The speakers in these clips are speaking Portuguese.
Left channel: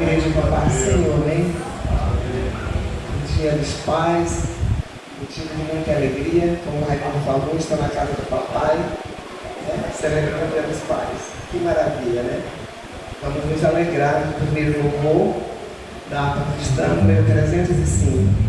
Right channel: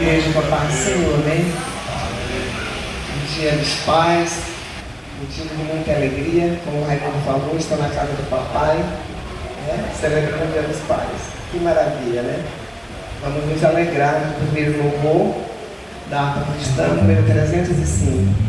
Igreja com a paz do Senhor, né? O Dia dos Pais, motivo de muita alegria, como o Raimundo falou, estou na casa do papai, né? Celebrando o Dia dos Pais. Que maravilha, né? Vamos nos alegrar do primeiro louvor da harpa cristã, número 305.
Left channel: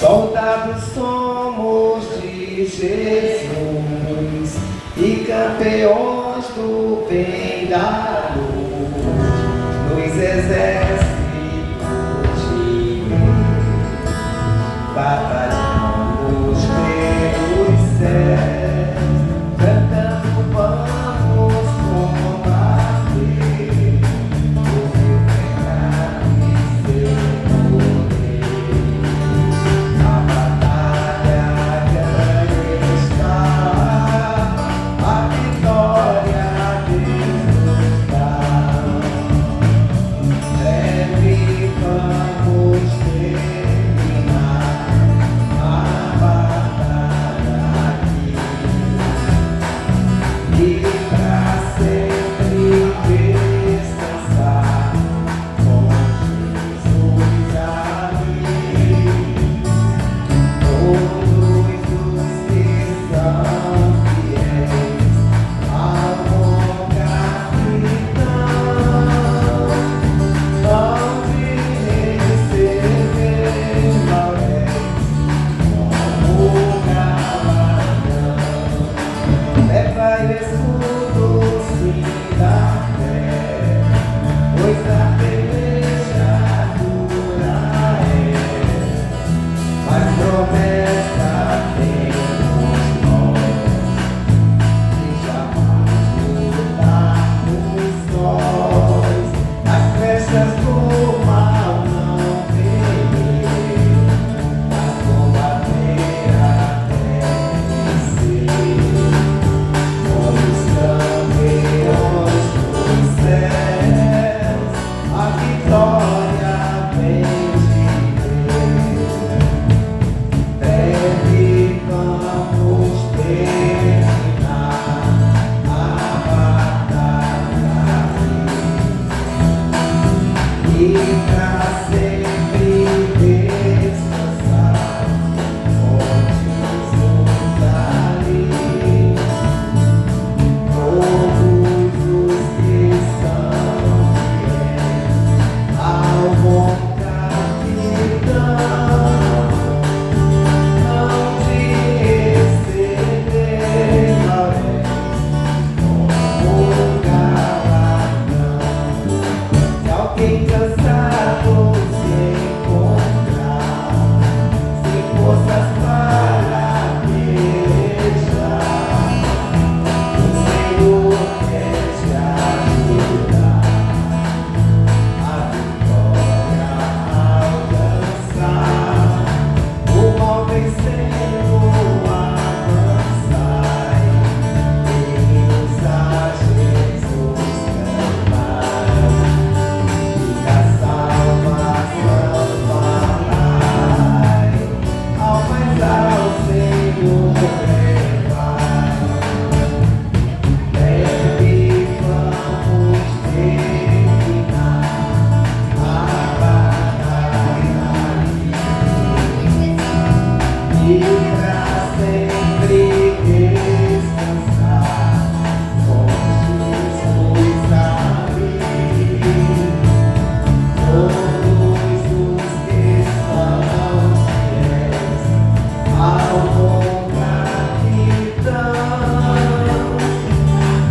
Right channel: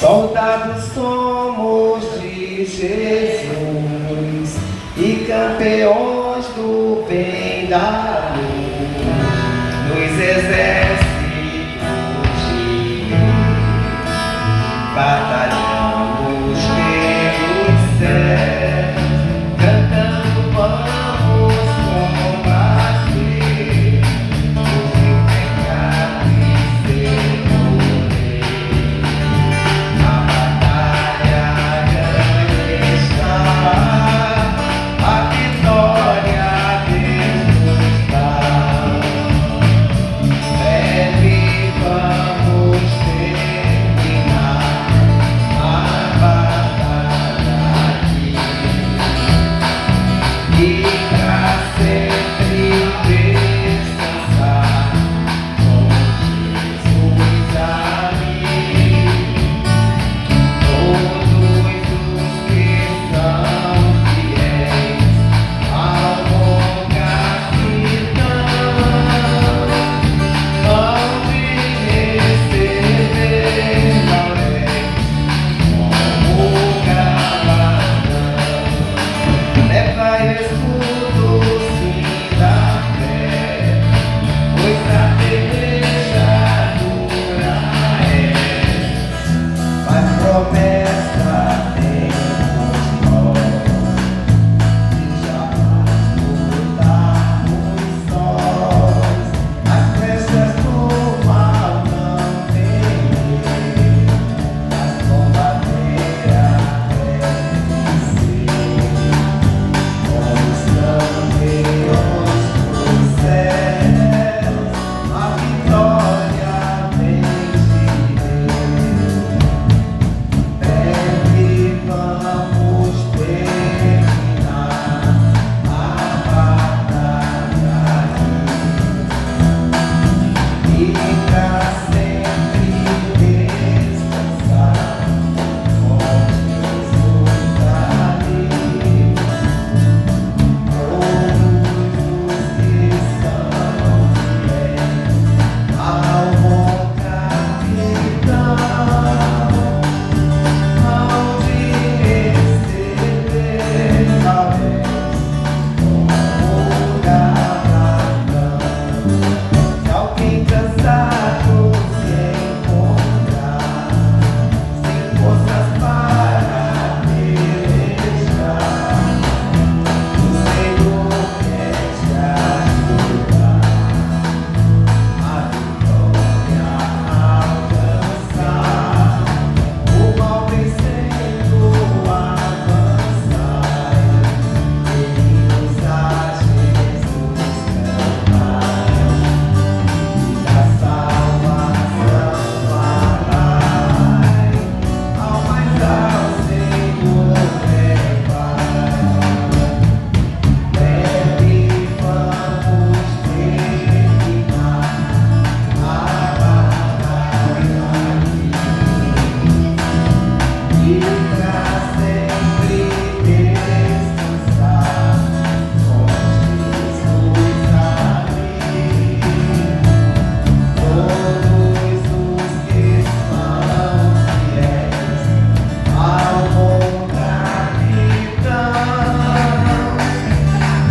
Soldados somos de Jesus e campeões do bem da luz, nos exércitos de Deus, batalhamos pelos céus, cantando vamos combater, o pecado e seu poder. A batalha grande está, a vitória Deus nos dá. Breve vamos terminar a batalha aqui, e pra sempre descansar com Jesus ali. Todos os que são fiéis ao bom capitão hão de receber lauréis como galardão. Leva escudo, sim, da fé, pois a peleja dura é, mas promessa temos nós, e jamais lutarmos nós. As flechas do mal não temer, mas combater até vencer. Somos campeões dos céus, a vitória vem de Deus. Breve vamos terminar a batalha e pra sempre descansar com Jesus ali. Todos os que são fiéis ao bom capitão hão de receber lauréis como galardão. Se alguém cansado se encontrar, sem forças para pelejar, o Senhor quer te ajudar a vitória alcançar, o mal vencendo avançar, bem-vindos a Jesus cantar, e da salvação falar, almas ao Senhor levar. Breve vamos terminar a batalha e pra sempre descansar com Jesus ali. Todos os que são fiéis ao bom capitão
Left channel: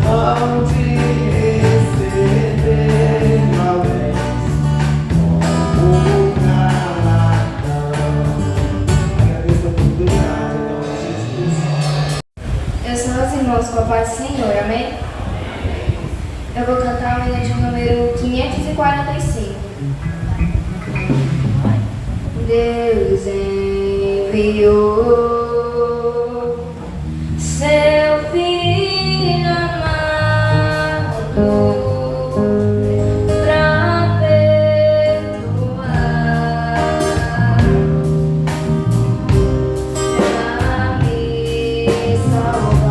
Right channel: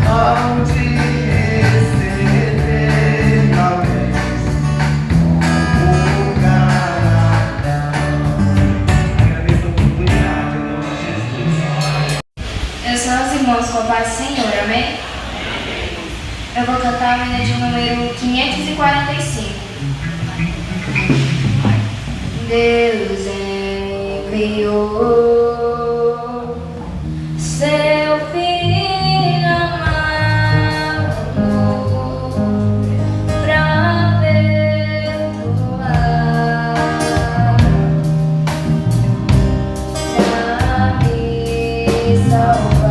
hão de receber lauréis como galardão. Agradeço a oportunidade, em nome de Jesus. Eu sou os irmãos com a paz do Senhor, amém? Eu vou cantar a minha de número 545. Deus enviou seu Filho amado pra perdoar, pra me salvar.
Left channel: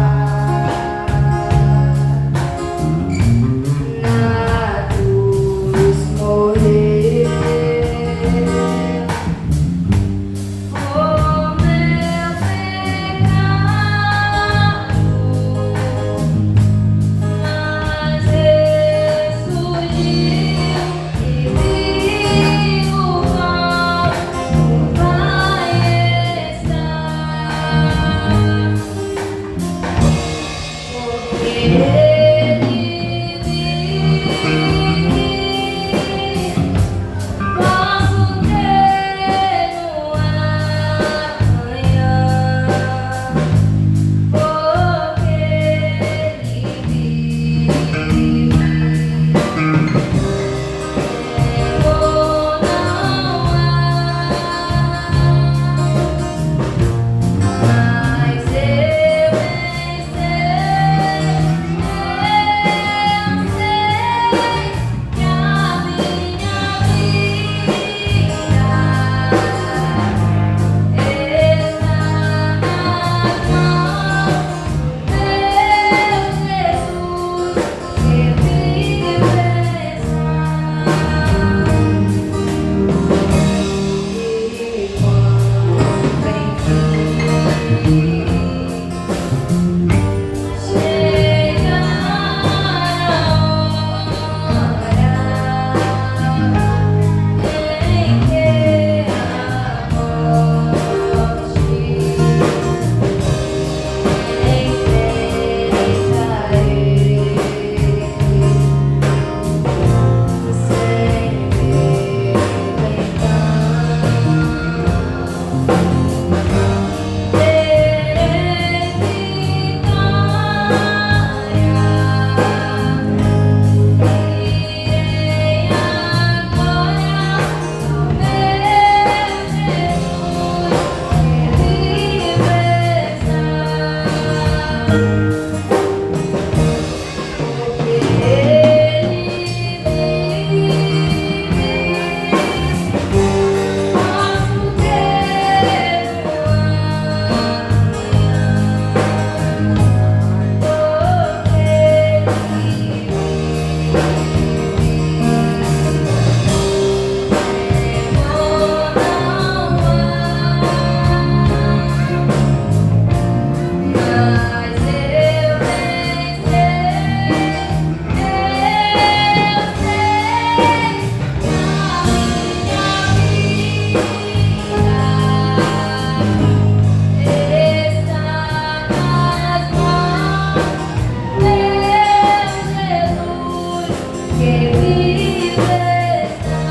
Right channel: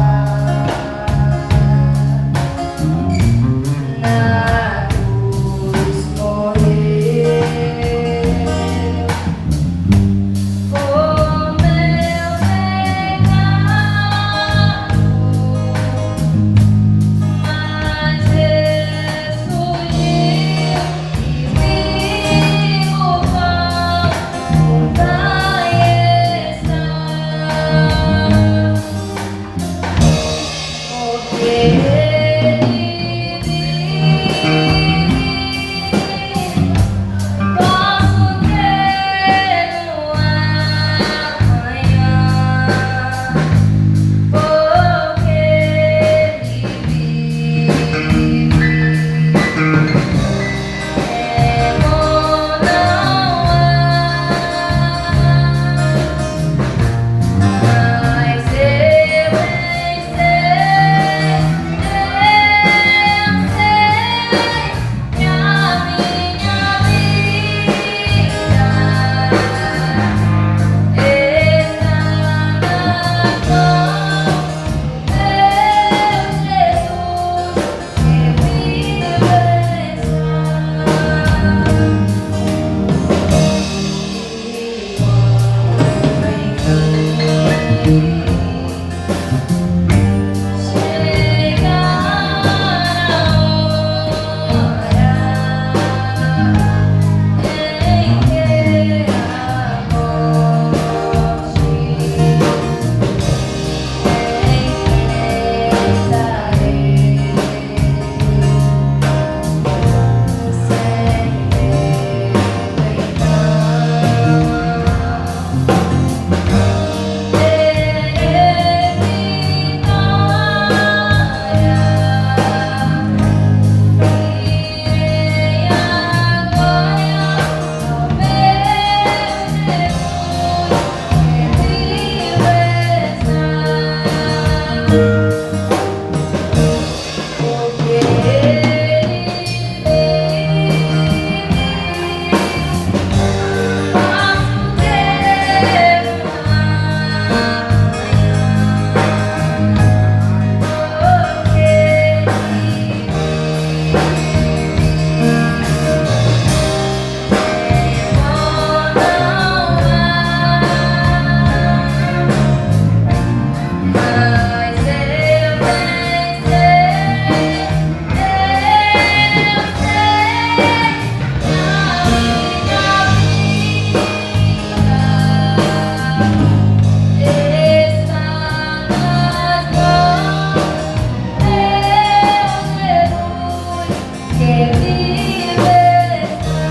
que vive está.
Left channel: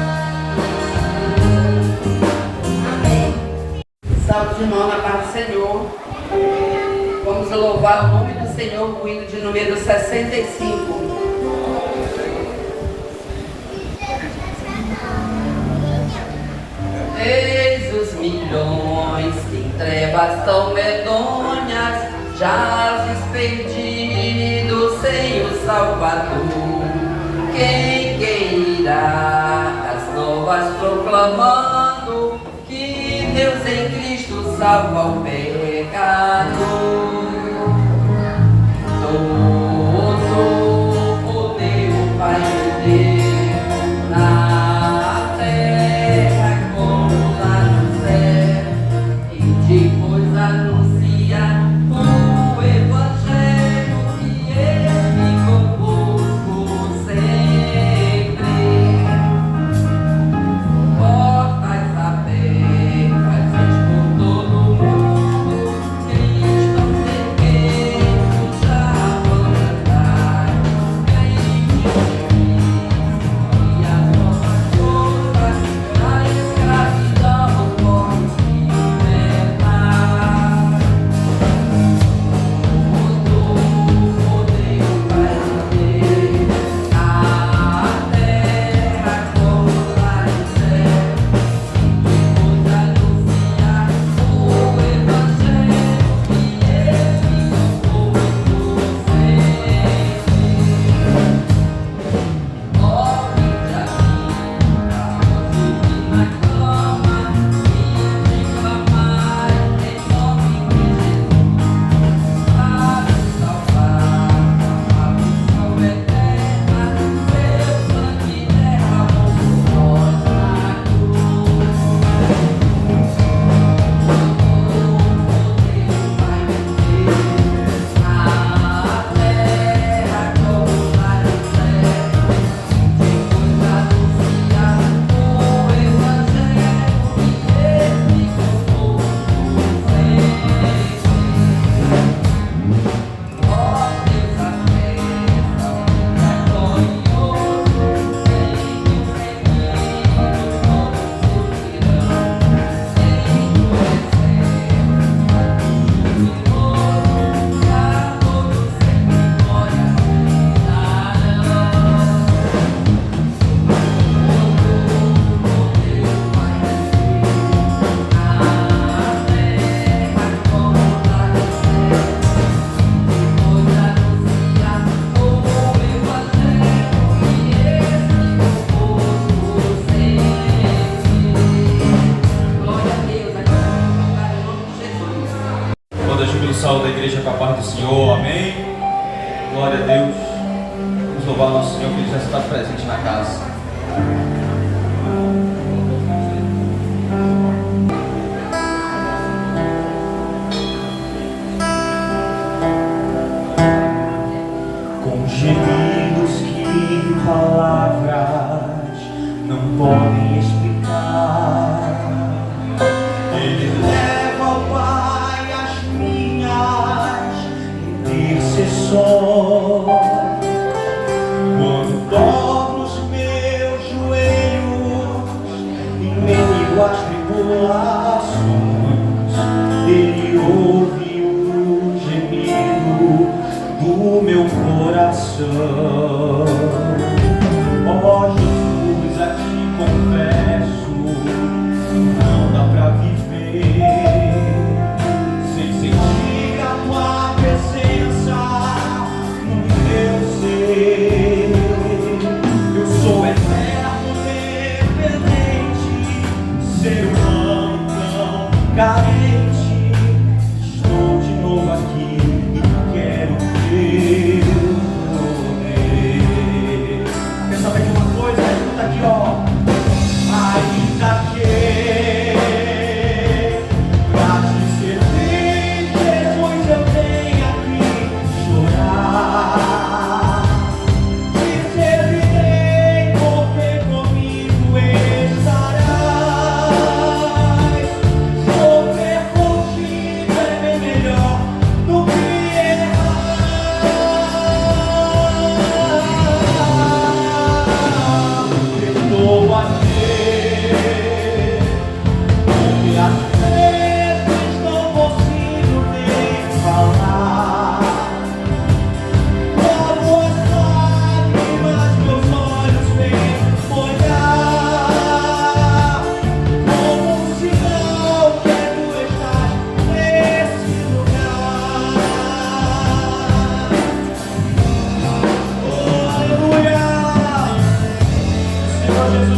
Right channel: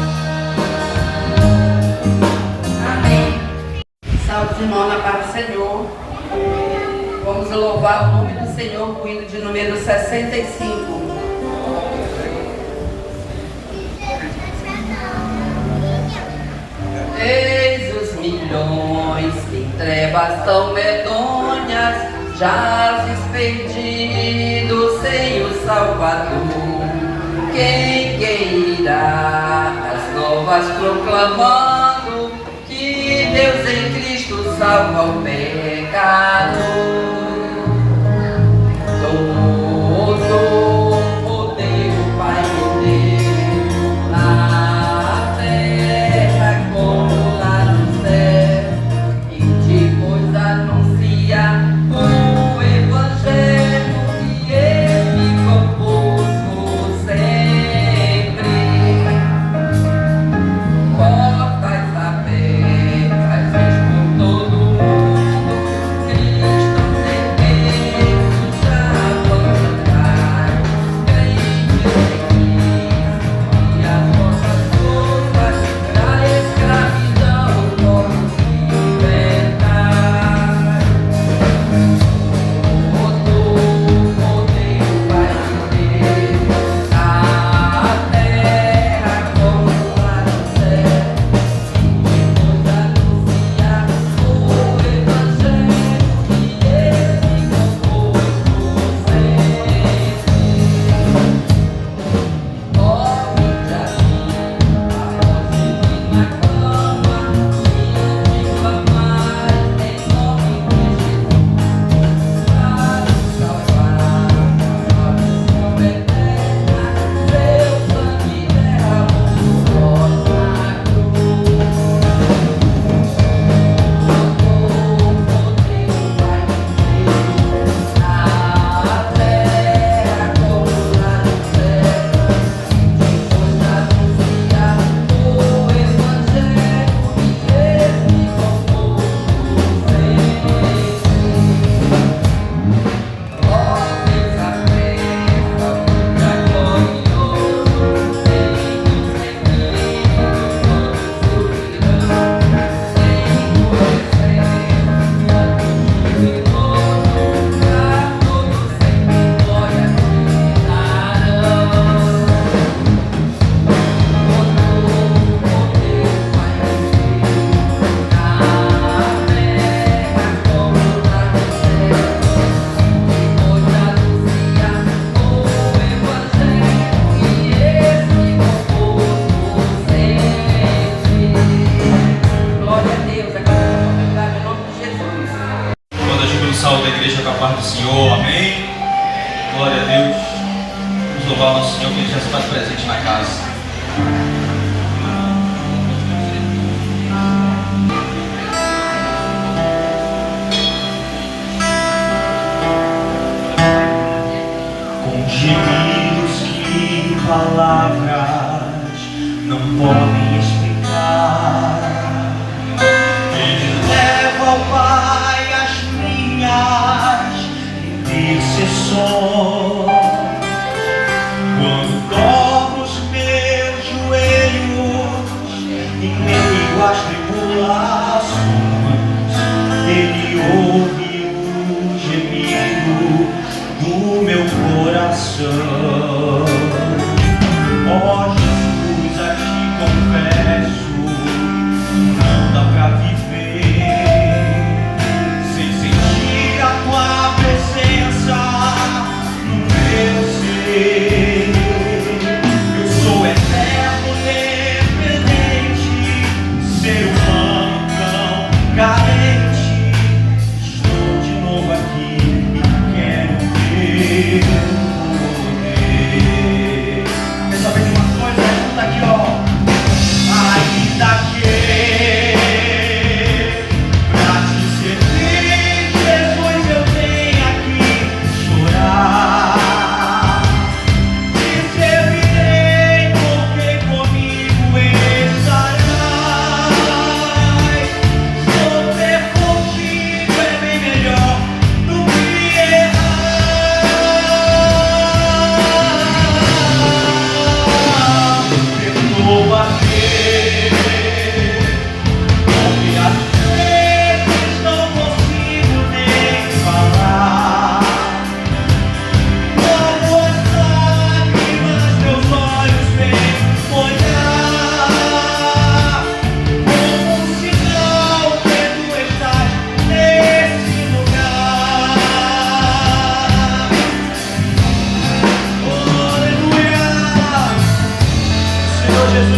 Amém. Salve de irmão na paz do Senhor. Vamos louvar o nome do Senhor com o hino de número 65. Eis os milhões em trevas tão medonhas, jazes perdidos sem o Salvador. Quem irá as novas proclamando que Deus em Cristo salva o pecador? Saúde da igreja com a paz do Senhor, amém? Glória a Deus. Vamos louvar o nosso Senhor que Ele já está presente na casa. Com gemidos que palavras não podem explicar, Ele leva ao Pai as minhas intercessões. Quando dobro os meus joelhos em meio às tribulações, Ele ouve o gemido do meu coração. Ó Jesus, a ti confesso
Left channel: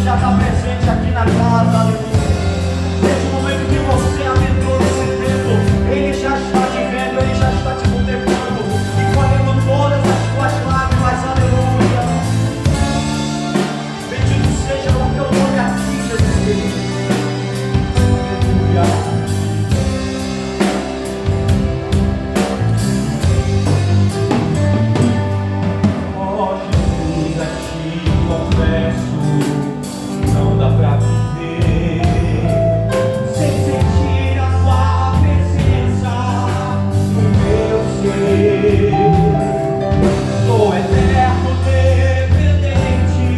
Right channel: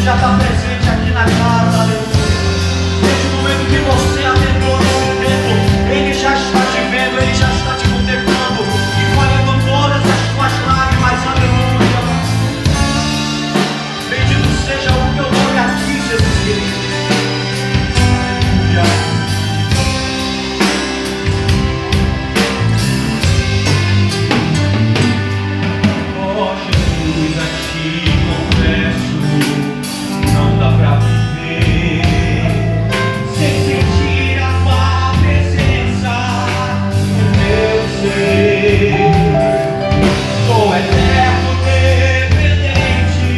Deus já está presente aqui na casa, aleluia. Desde o momento que você adentrou nesse templo, Ele já está te vendo, Ele já está te contemplando e colhendo todas as tuas lágrimas, aleluia. Bendito seja o teu nome aqui, Jesus querido. Aleluia. Oh Jesus, a ti confesso, não dá pra viver sem sentir a tua presença no meu ser. Sou eterno dependente,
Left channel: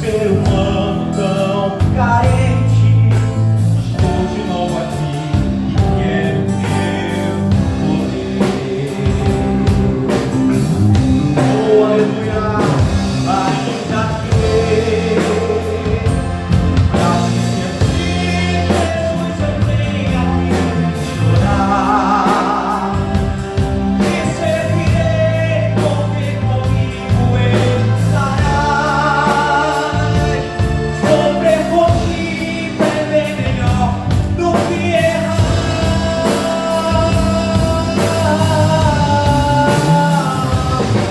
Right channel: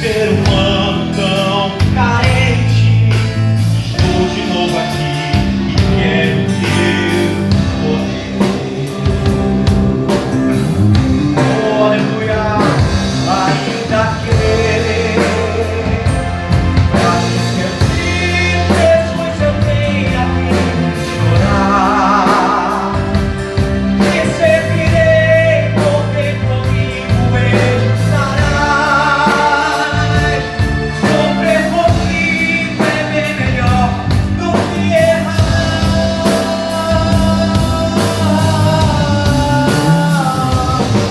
ser humano tão carente. Estou de novo aqui e quero teu poder. Oh, aleluia, ainda crer. Pra te servir, Jesus, eu tenho a quem chorar. Receberei, porque comigo estarás. Sofrer contigo é bem melhor do que errar.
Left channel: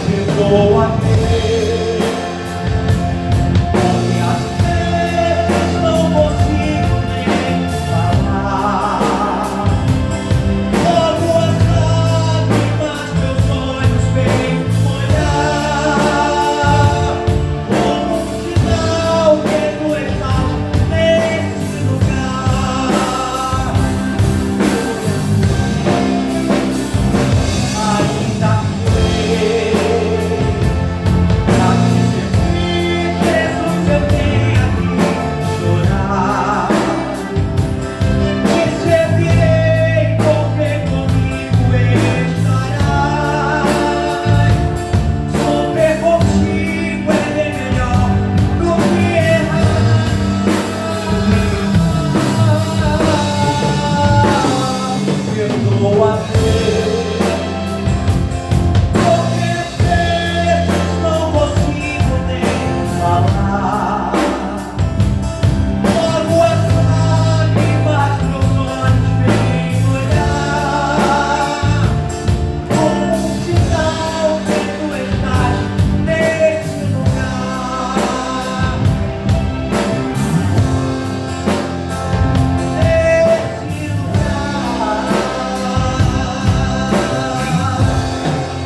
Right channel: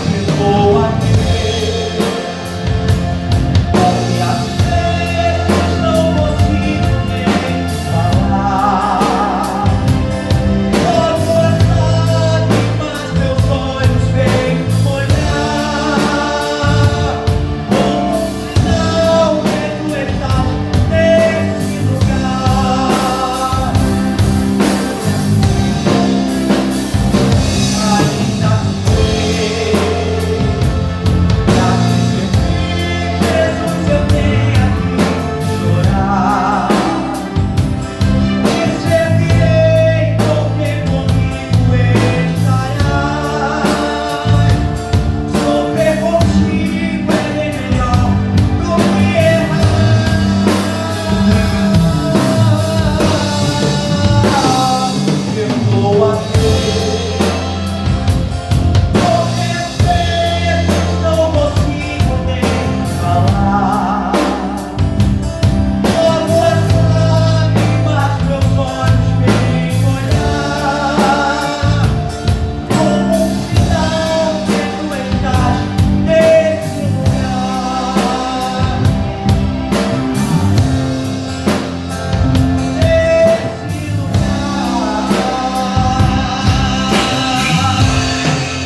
Perdoa-me, porque às vezes não consigo nem falar. Logo é tarde, mas meus olhos veem olhar. Como sinal que tu estás nesse lugar. Ainda sei, Jesus, eu tenho a quem chorar. Receberei, porque comigo estarás. Sofrer contigo é bem melhor do que errar. Perdoa-me, porque às vezes não consigo nem falar. Logo as lágrimas meus olhos veem olhar. Como um sinal que tu estás nesse lugar. Nesse lugar.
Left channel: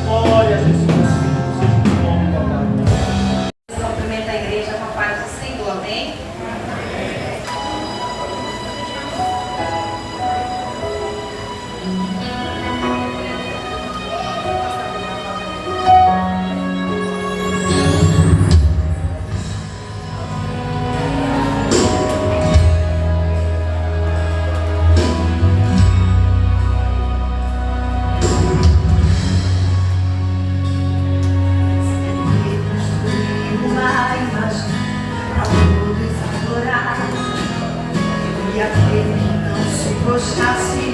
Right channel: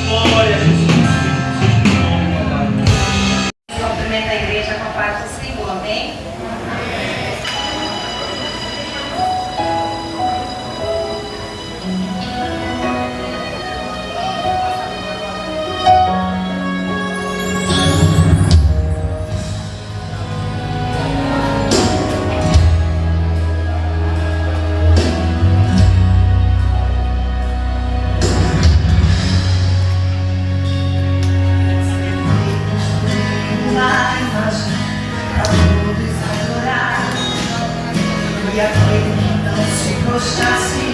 Glória a Jesus. Seja o nome, papai. Cumprimento a igreja com a paz do Senhor, amém? E aquele que não se prostrasse,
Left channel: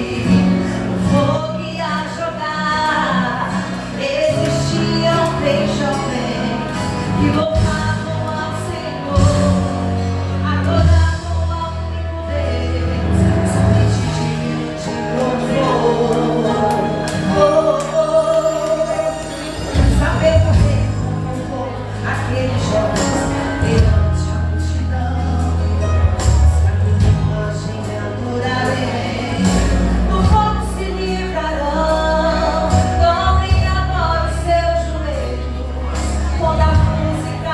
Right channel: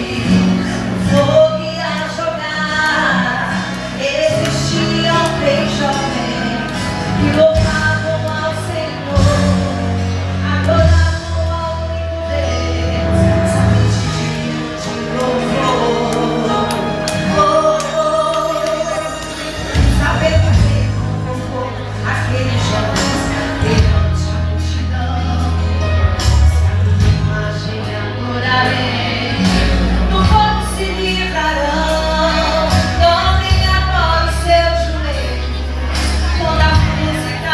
no fogo ia jogar. Existiam 3 jovens que louvavam ao Senhor, adoravam ao único Deus, somente de louvor. Saber fazer como foi aqueles jovens perante a multidão. Imagina adorarei, no fogo se livrarão. Dobrem agora os seus joelhos, quando a música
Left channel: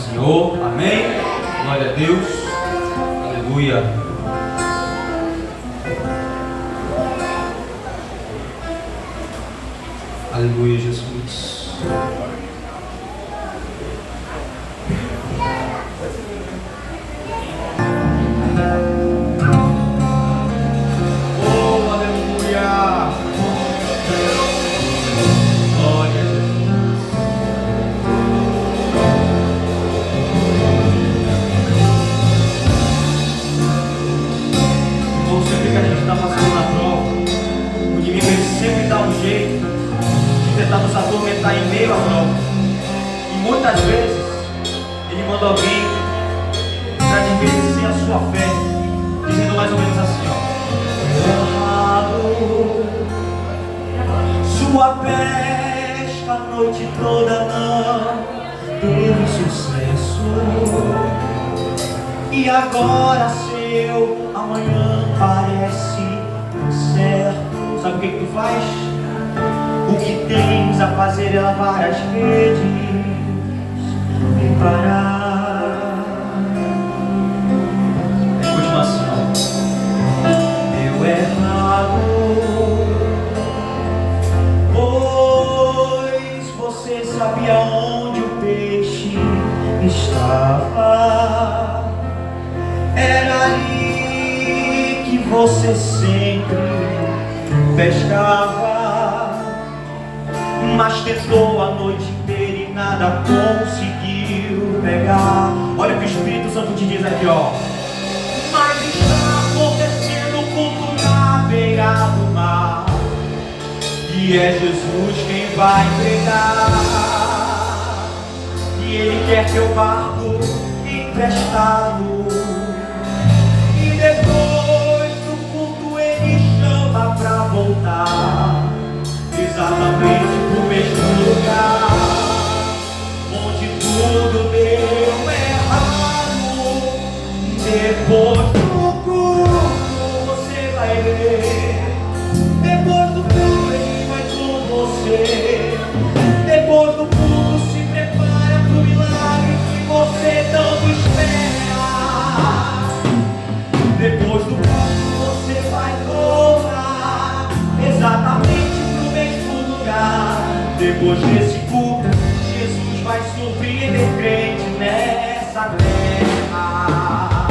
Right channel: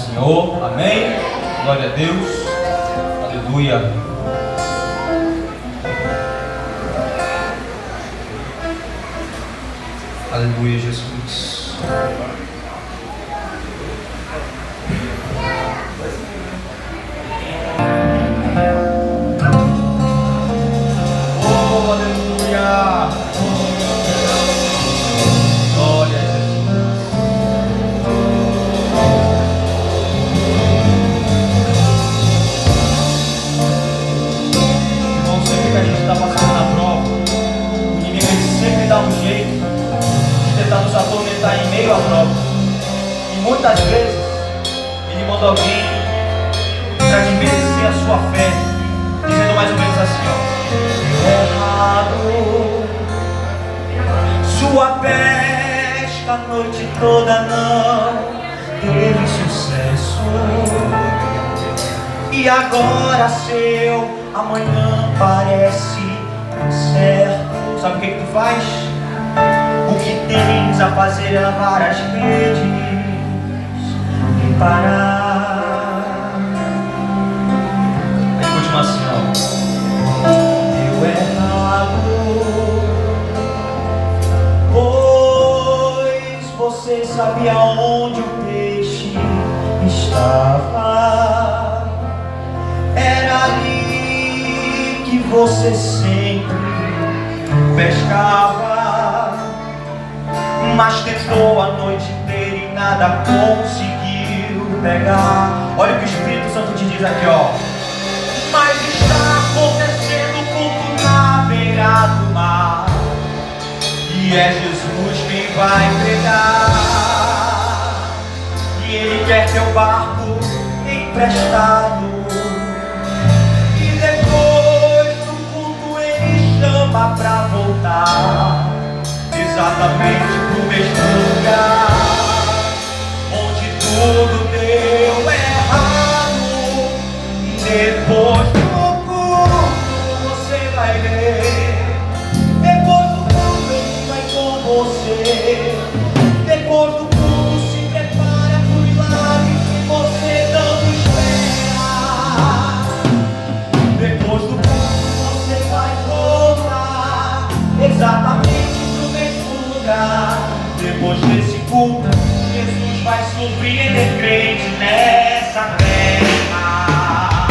Senhor. Amém. Glória a Deus. Aleluia. Aleluia, Jesus. Oh, aleluia. Glória a Jesus. Irmão, sempre que a gente está passando na prova, o inimigo ele sempre dá um jeito de tentar nos atormentar em meio à prova. E muitas vezes ele manda alguém para desmerecer a sua fé, dizendo mais ou menos assim, Sua pesca a noite toda não teve sucesso. E agora seu amanhã parece incerto. Sabe o que tu faz? O que tens a fazer é lavar as redes e parar. em continuação. Deu errado, pois você sabia onde o peixe estava. Era ali que você sempre pescava, mas tentou a noite inteira e nada conseguiu pegar. Olha o que o Espírito Santo te diz aqui, ó. Mas está acontecendo o culto na beira do mar, e é Jesus quem vai pregar. E Ele quer teu barco emprestado. E depois do culto Ele chama pra voltar, exatamente pro mesmo lugar onde tudo deu errado. E depois do culto você vai ver. Depois do culto Ele vai com você. Depois do culto se prepara pro milagre que você tanto espera. Depois do culto você vai voltar exatamente pro mesmo lugar. Depois desse culto, Jesus vai surpreender crente nessa terra.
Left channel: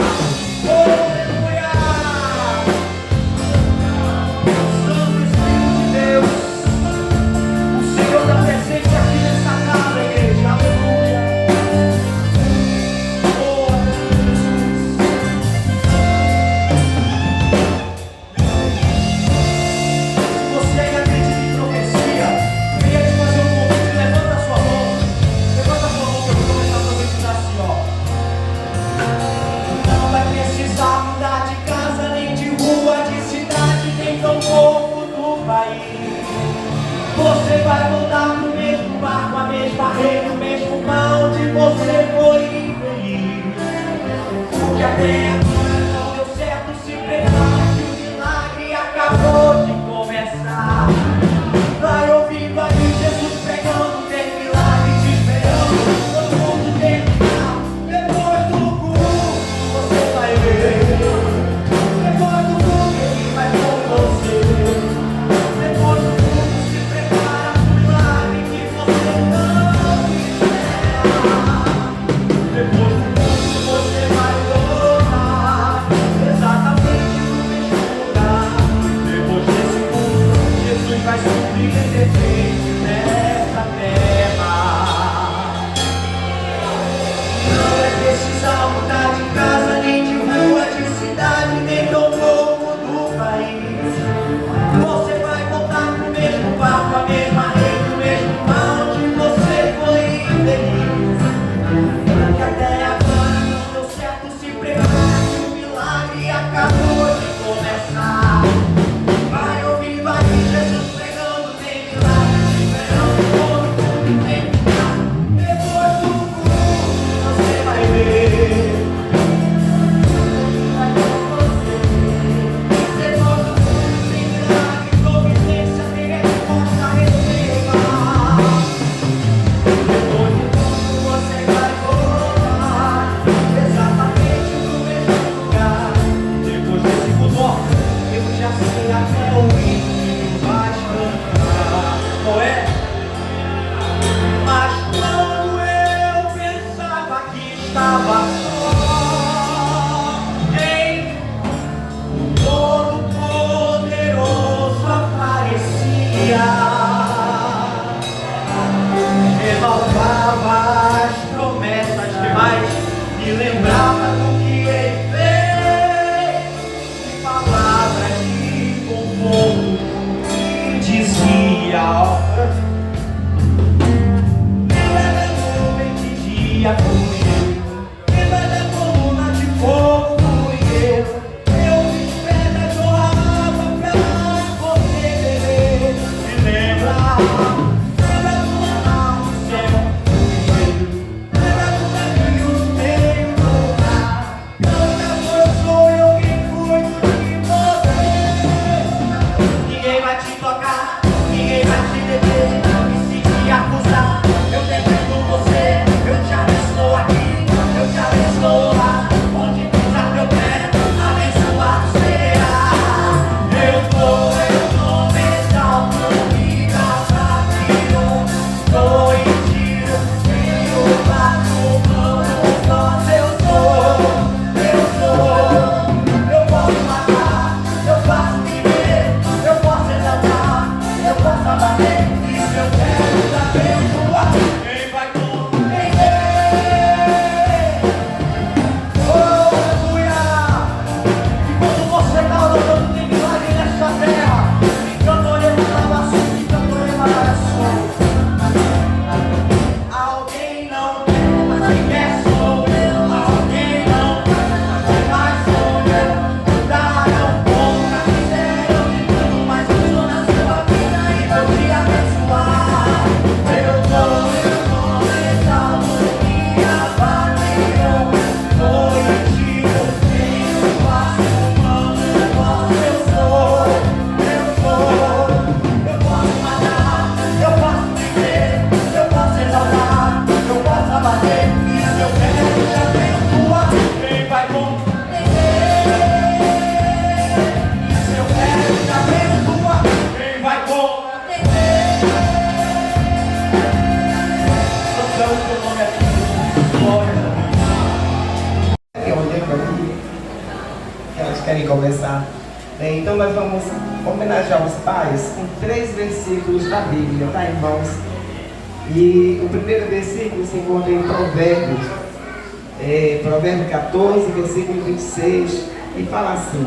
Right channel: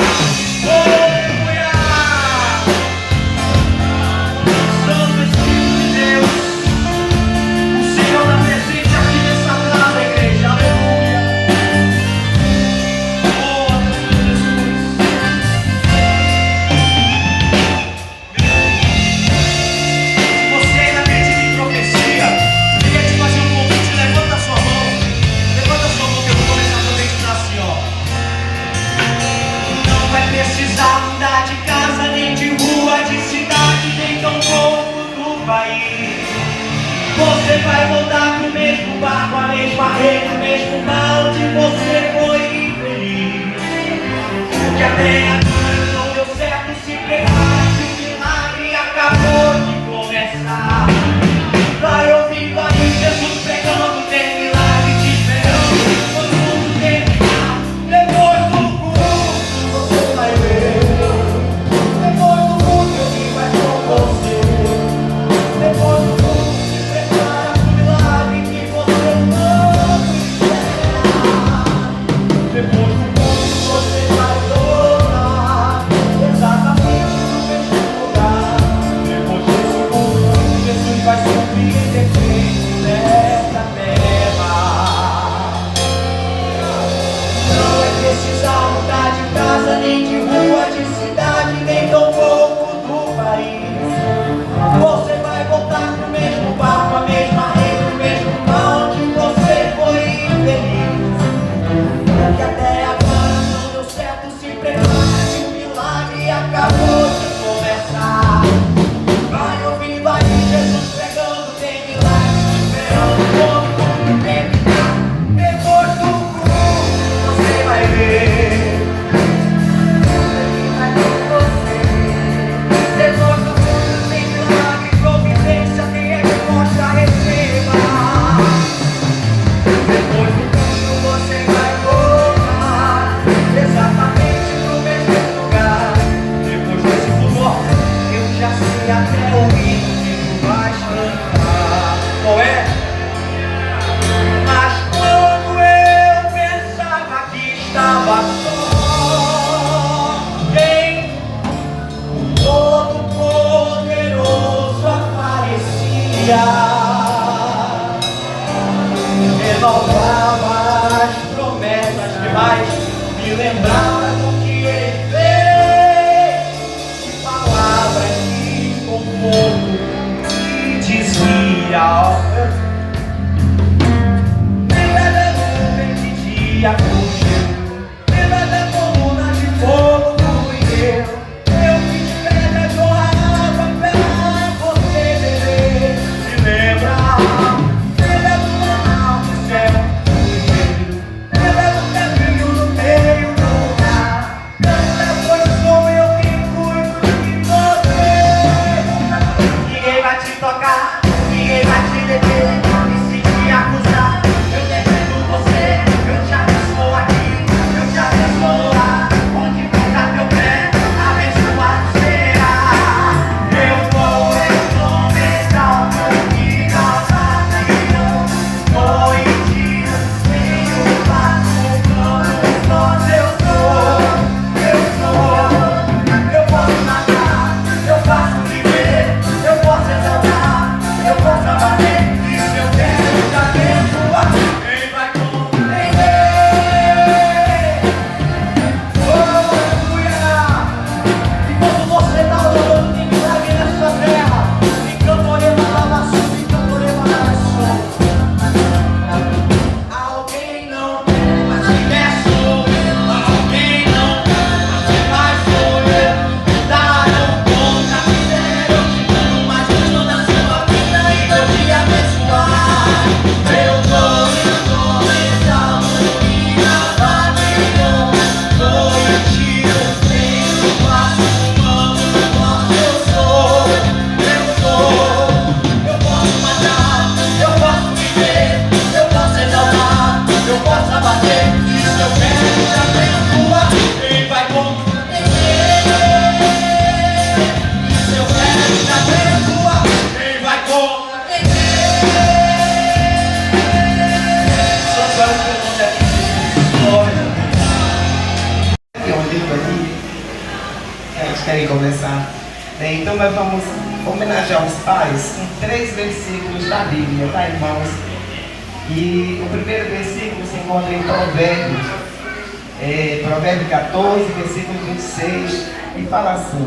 faz me lembrar do que ele fez, de palavras que conforto me desvia. Lembra da nuvem que dia fugiu, lembra da coluna de fogo do inverno. Eu fiz pedra jorrada pra você beber. Se lembra do mar do céu, lembra do caminho no meio do mar. Foi eu que cuido de você. Ninguém vai te tocar, ninguém vai te deter, e se te acusar, eu defendo você. Eu te abençoo aqui, eu te abençoo lá. Onde pisar teu pé, abençoado será. Eu tô exaltando e causando. Tô em dia, tenho paz, eu sou. Eu posso matar, eu posso viver, eu posso exaltar, eu posso abater. E se eu quero te abençoar, quem vai compreender? Aleluia! Enquanto você está orando, tem milagre nessa terra. Enquanto oremos a laço, enquanto oremos a laço. Alguém não quer, mas se der sou eu. Alguém não quer, mas sou eu. Darão conta, fizeram de tudo, mas eu estou na sua vida e vou te abençoar. Eu tô exaltando e abatendo. Tô em ti, eu tenho passo, vamos, eu sou. Eu posso matar, eu posso viver, eu posso exaltar, eu posso abater. E se eu quero te abençoar, quem vai compreender? E se eu quero te abençoar, quem vai compreender? Santo teu nome é glória. Tem um tempo aqui, elas querem começar. Então nós vamos homenagear os pais com 3 versículos da Bíblia, tá, irmãos? E o primeiro versículo se encontra em Provérbios, Provérbio 14, versículo 26, e fala assim:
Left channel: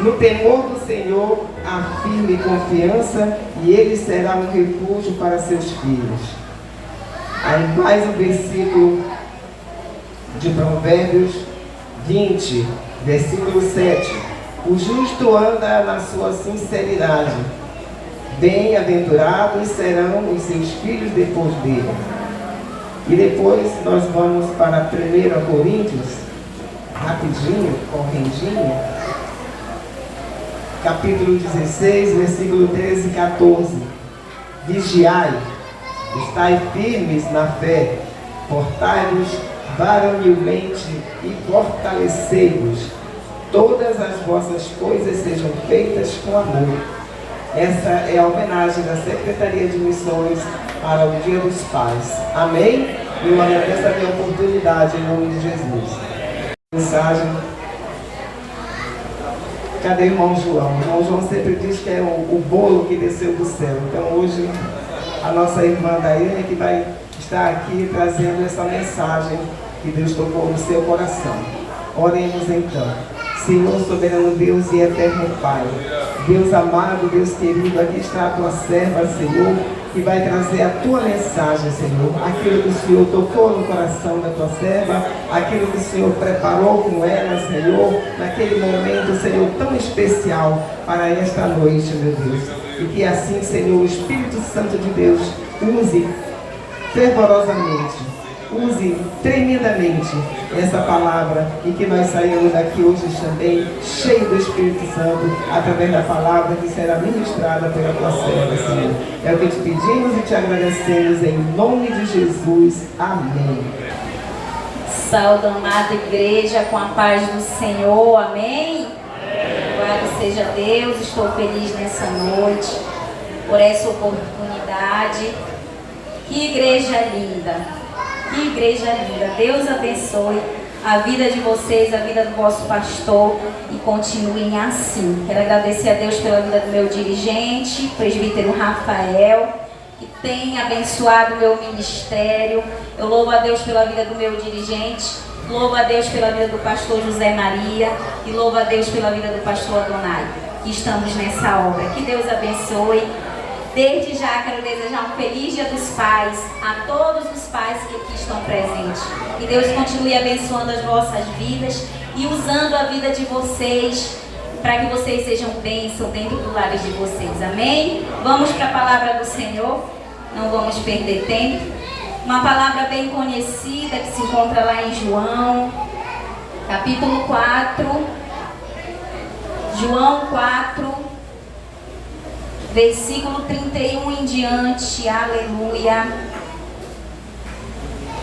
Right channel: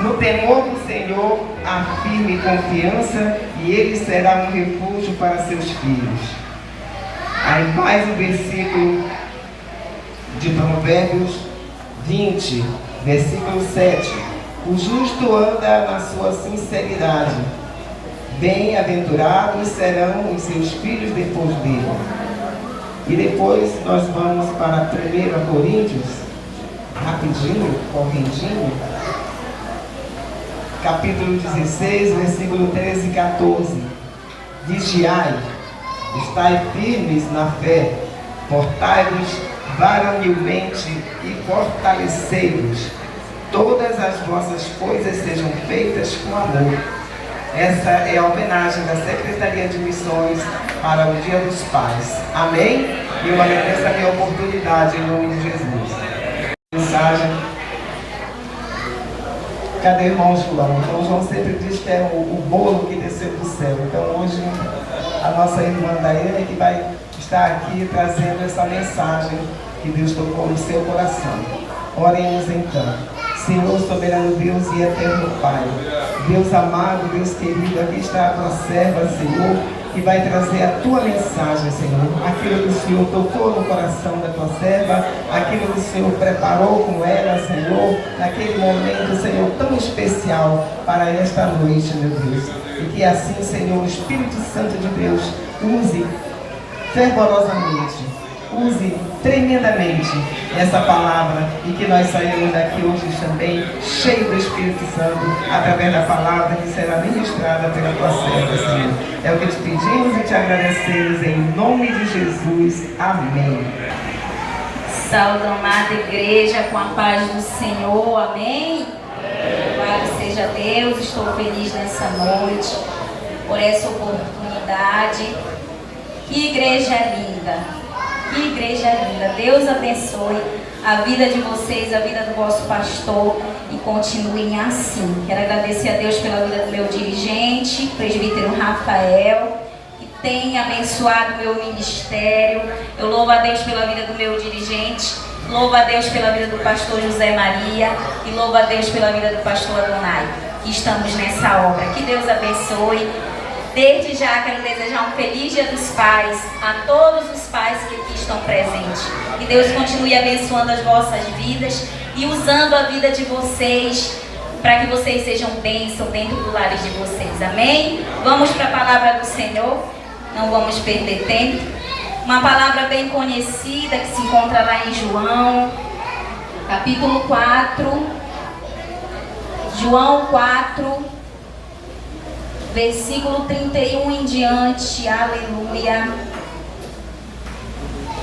no temor do Senhor há firme confiança, e ele será um refúgio para seus filhos. Aí mais um versículo de Provérbios 20, versículo 7. O justo anda na sua sinceridade, bem-aventurados serão os seus filhos depois dele. E depois nós vamos para 1 Coríntios, rapidinho, correndinho, capítulo 16, versículo 13 e 14. Vigiai, estai firmes na fé, portai-vos varonilmente e fortalecei-vos. Todas as vossas coisas sejam feitas com amor. Essa é a homenagem da Secretaria de Missões para o Dia dos Pais. Amém? E uma lembrança de oportunidade em nome de Jesus. Mensagem. Cadê o irmão João? O irmão João sempre diz que é o bolo que desceu do céu. Então hoje a nossa irmã Daiane que vai estar aqui trazendo essa mensagem que Deus tocou no seu coração. Oremos então. Senhor, soberano Deus e eterno Pai, Deus amado, Deus querido, aqui está a tua serva, Senhor, que vai trazer a tua mensagem, Senhor, aquilo que o Senhor tocou no coração da tua serva, aquilo que o Senhor preparou com ela, Senhor, naquele momento, Senhor, tão especial para esta noite, meu Deus. E que assim, Senhor, o Espírito Santo de Deus use fervorosamente, use tremendamente essa palavra e que nós saímos daqui hoje também cheios do Espírito Santo através da palavra que será ministrada pela tua serva, Senhor. É o que te pedimos e te agradecemos em nome de Jesus. Amém. Saúde, amada igreja, com a paz do Senhor, amém? Louvado seja Deus, estou feliz nessa noite por essa oportunidade. Que igreja linda! Que igreja linda! Deus abençoe a vida de vocês, a vida do vosso pastor e continuem assim. Quero agradecer a Deus pela vida do meu dirigente, presbítero Rafael, que tem abençoado o meu ministério. Eu louvo a Deus pela vida do meu dirigente, louvo a Deus pela vida do pastor José Maria e louvo a Deus pela vida do pastor Adonai, que estamos nessa obra. Que Deus abençoe. Desde já quero desejar um feliz Dia dos Pais a todos os pais que aqui estão presentes. Que Deus continue abençoando as vossas vidas e usando a vida de vocês para que vocês sejam bênção dentro do lar de vocês. Amém? Vamos para a palavra do Senhor. Não vamos perder tempo. Uma palavra bem conhecida que se encontra lá em João, capítulo 4. João 4, versículo 31 em diante. Aleluia.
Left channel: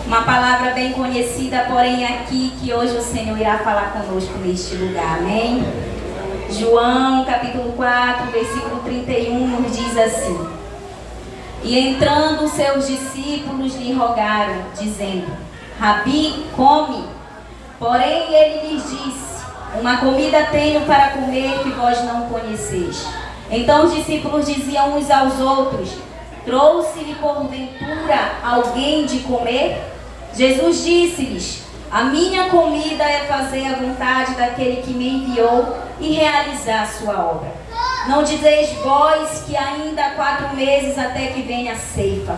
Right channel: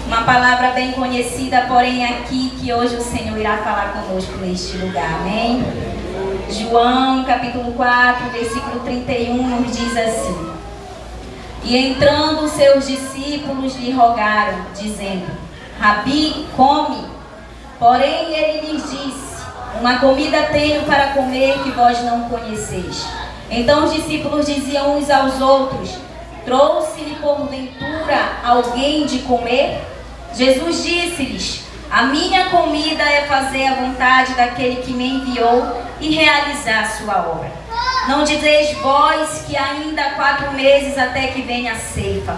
Uma palavra bem conhecida, porém aqui que hoje o Senhor irá falar conosco neste lugar. Amém? João capítulo 4, versículo 31 nos diz assim: E entrando os seus discípulos lhe rogaram, dizendo: Rabi, come. Porém ele lhes disse: Uma comida tenho para comer que vós não conheceis. Então os discípulos diziam uns aos outros: Trouxe-lhe porventura alguém de comer? Jesus disse-lhes: A minha comida é fazer a vontade daquele que me enviou e realizar a sua obra. Não dizeis vós que ainda há 4 meses até que venha a ceifa?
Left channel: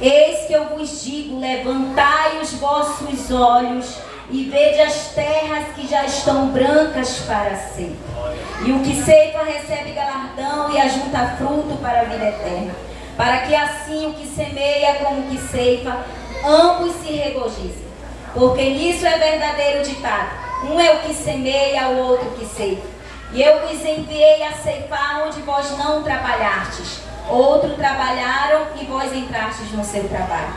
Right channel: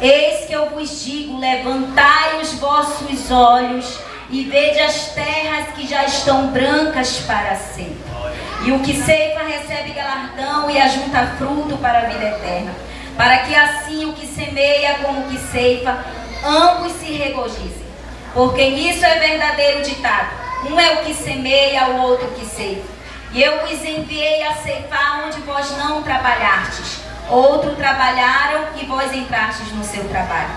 Eis que eu vos digo: levantai os vossos olhos e vede as terras que já estão brancas para a ceifa. E o que ceifa recebe galardão e ajunta fruto para a vida eterna, para que assim o que semeia como o que ceifa, ambos se regozijem. Porque nisso é verdadeiro ditado: um é o que semeia, o outro que ceifa. E eu vos enviei a ceifar onde vós não trabalhastes. Outros trabalharam e vós entrastes no seu trabalho.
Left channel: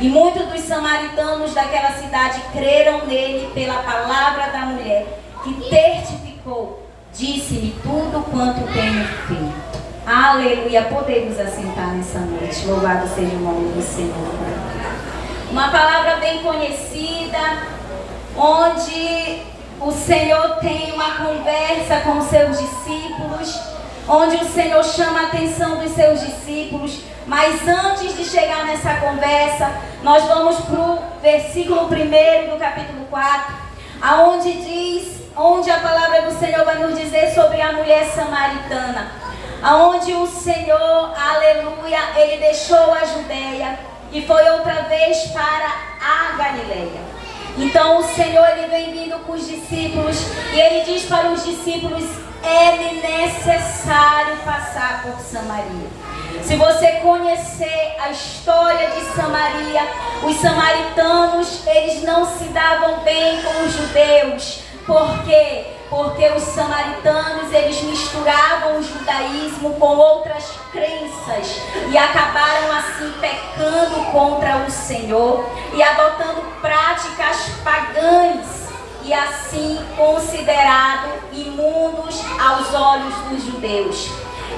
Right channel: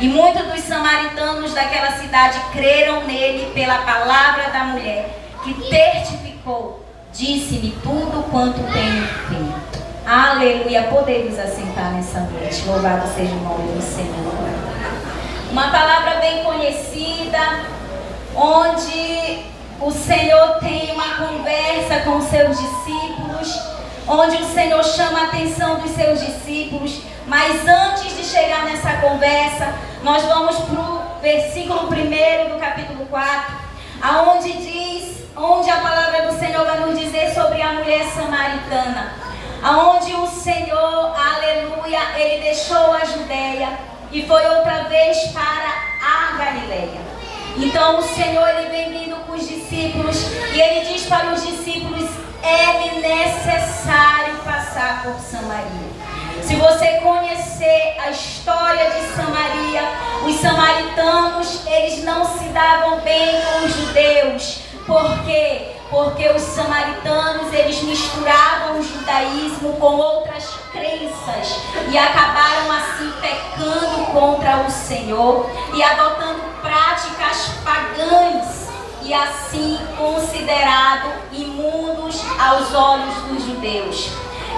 E muitos dos samaritanos daquela cidade creram nele pela palavra da mulher, que testificou: disse-me tudo quanto tenho feito. Aleluia. Podemos assentar nessa noite. Louvado seja o nome do Senhor. Uma palavra bem conhecida, onde o Senhor tem uma conversa com os seus discípulos, onde o Senhor chama a atenção dos seus discípulos. Mas antes de chegar nessa conversa, nós vamos para o versículo 1 do capítulo 4, onde a palavra do Senhor vai nos dizer sobre a mulher samaritana, aonde o Senhor, aleluia, ele deixou a Judeia e foi outra vez para a Galileia. Então o Senhor, ele vem vindo com os discípulos e ele diz para os discípulos: é necessário passar por Samaria. Se você conhecer a história de Samaria, os samaritanos, eles não se davam bem com os judeus. Por quê? Porque os samaritanos, eles misturavam o judaísmo com outras crenças e acabaram assim pecando contra o Senhor e adotando práticas pagãs e assim considerados imundos aos olhos dos judeus.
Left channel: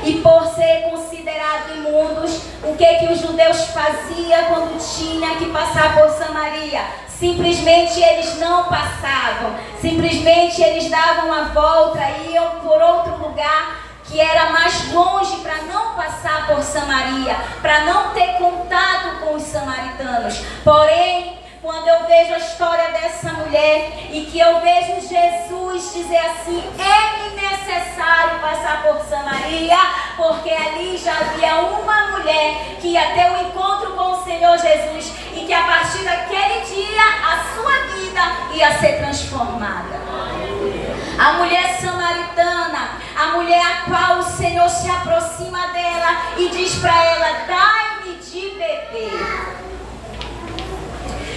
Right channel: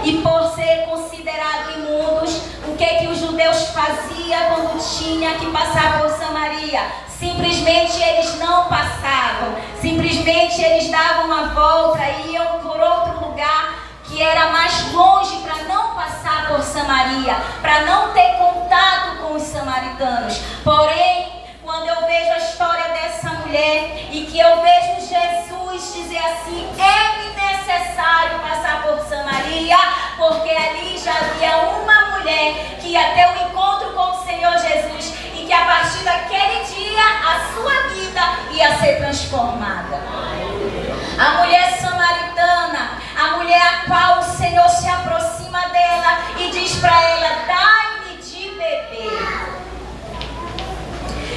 E por ser considerados imundos, o que os judeus faziam quando tinha que passar por Samaria? Simplesmente eles não passavam, simplesmente eles davam a volta e iam por outro lugar que era mais longe, para não passar por Samaria, para não ter contato com os samaritanos. Porém, quando eu vejo a história dessa mulher e que eu vejo Jesus dizer assim: é necessário passar por Samaria, porque ali já havia uma mulher que ia ter um encontro com o Senhor Jesus e que a partir daquele dia a sua vida ia ser transformada. A mulher samaritana, a mulher a qual o Senhor se aproxima dela e diz para ela: dai-me de beber.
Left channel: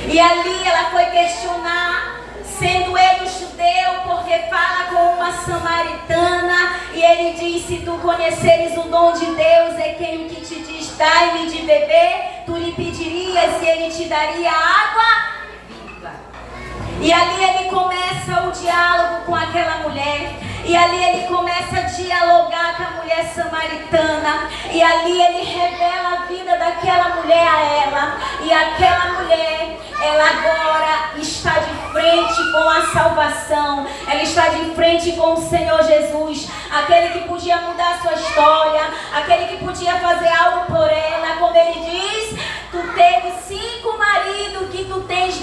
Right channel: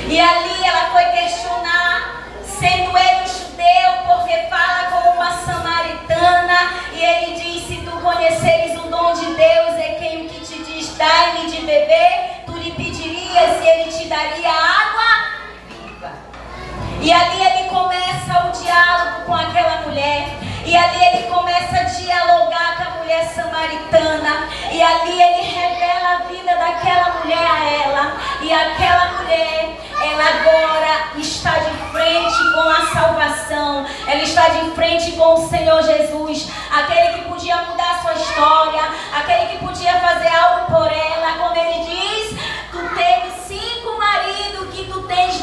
E ali ela foi questionar, sendo ele judeu, porque fala com uma samaritana. E ele diz: se tu conheceres o dom de Deus, é quem o que te diz dai-me de beber, tu lhe pedirias e ele te daria água viva. E ali ele começa o diálogo com aquela mulher. E ali ele começa a dialogar com a mulher samaritana. E ali ele revela a vida daquela mulher a ela. E aquela mulher, ela agora está de frente com a salvação. Ela está de frente com o Senhor Jesus. Aquele que podia mudar a sua história. Aquele que podia fazer algo por ela. Como ele diz:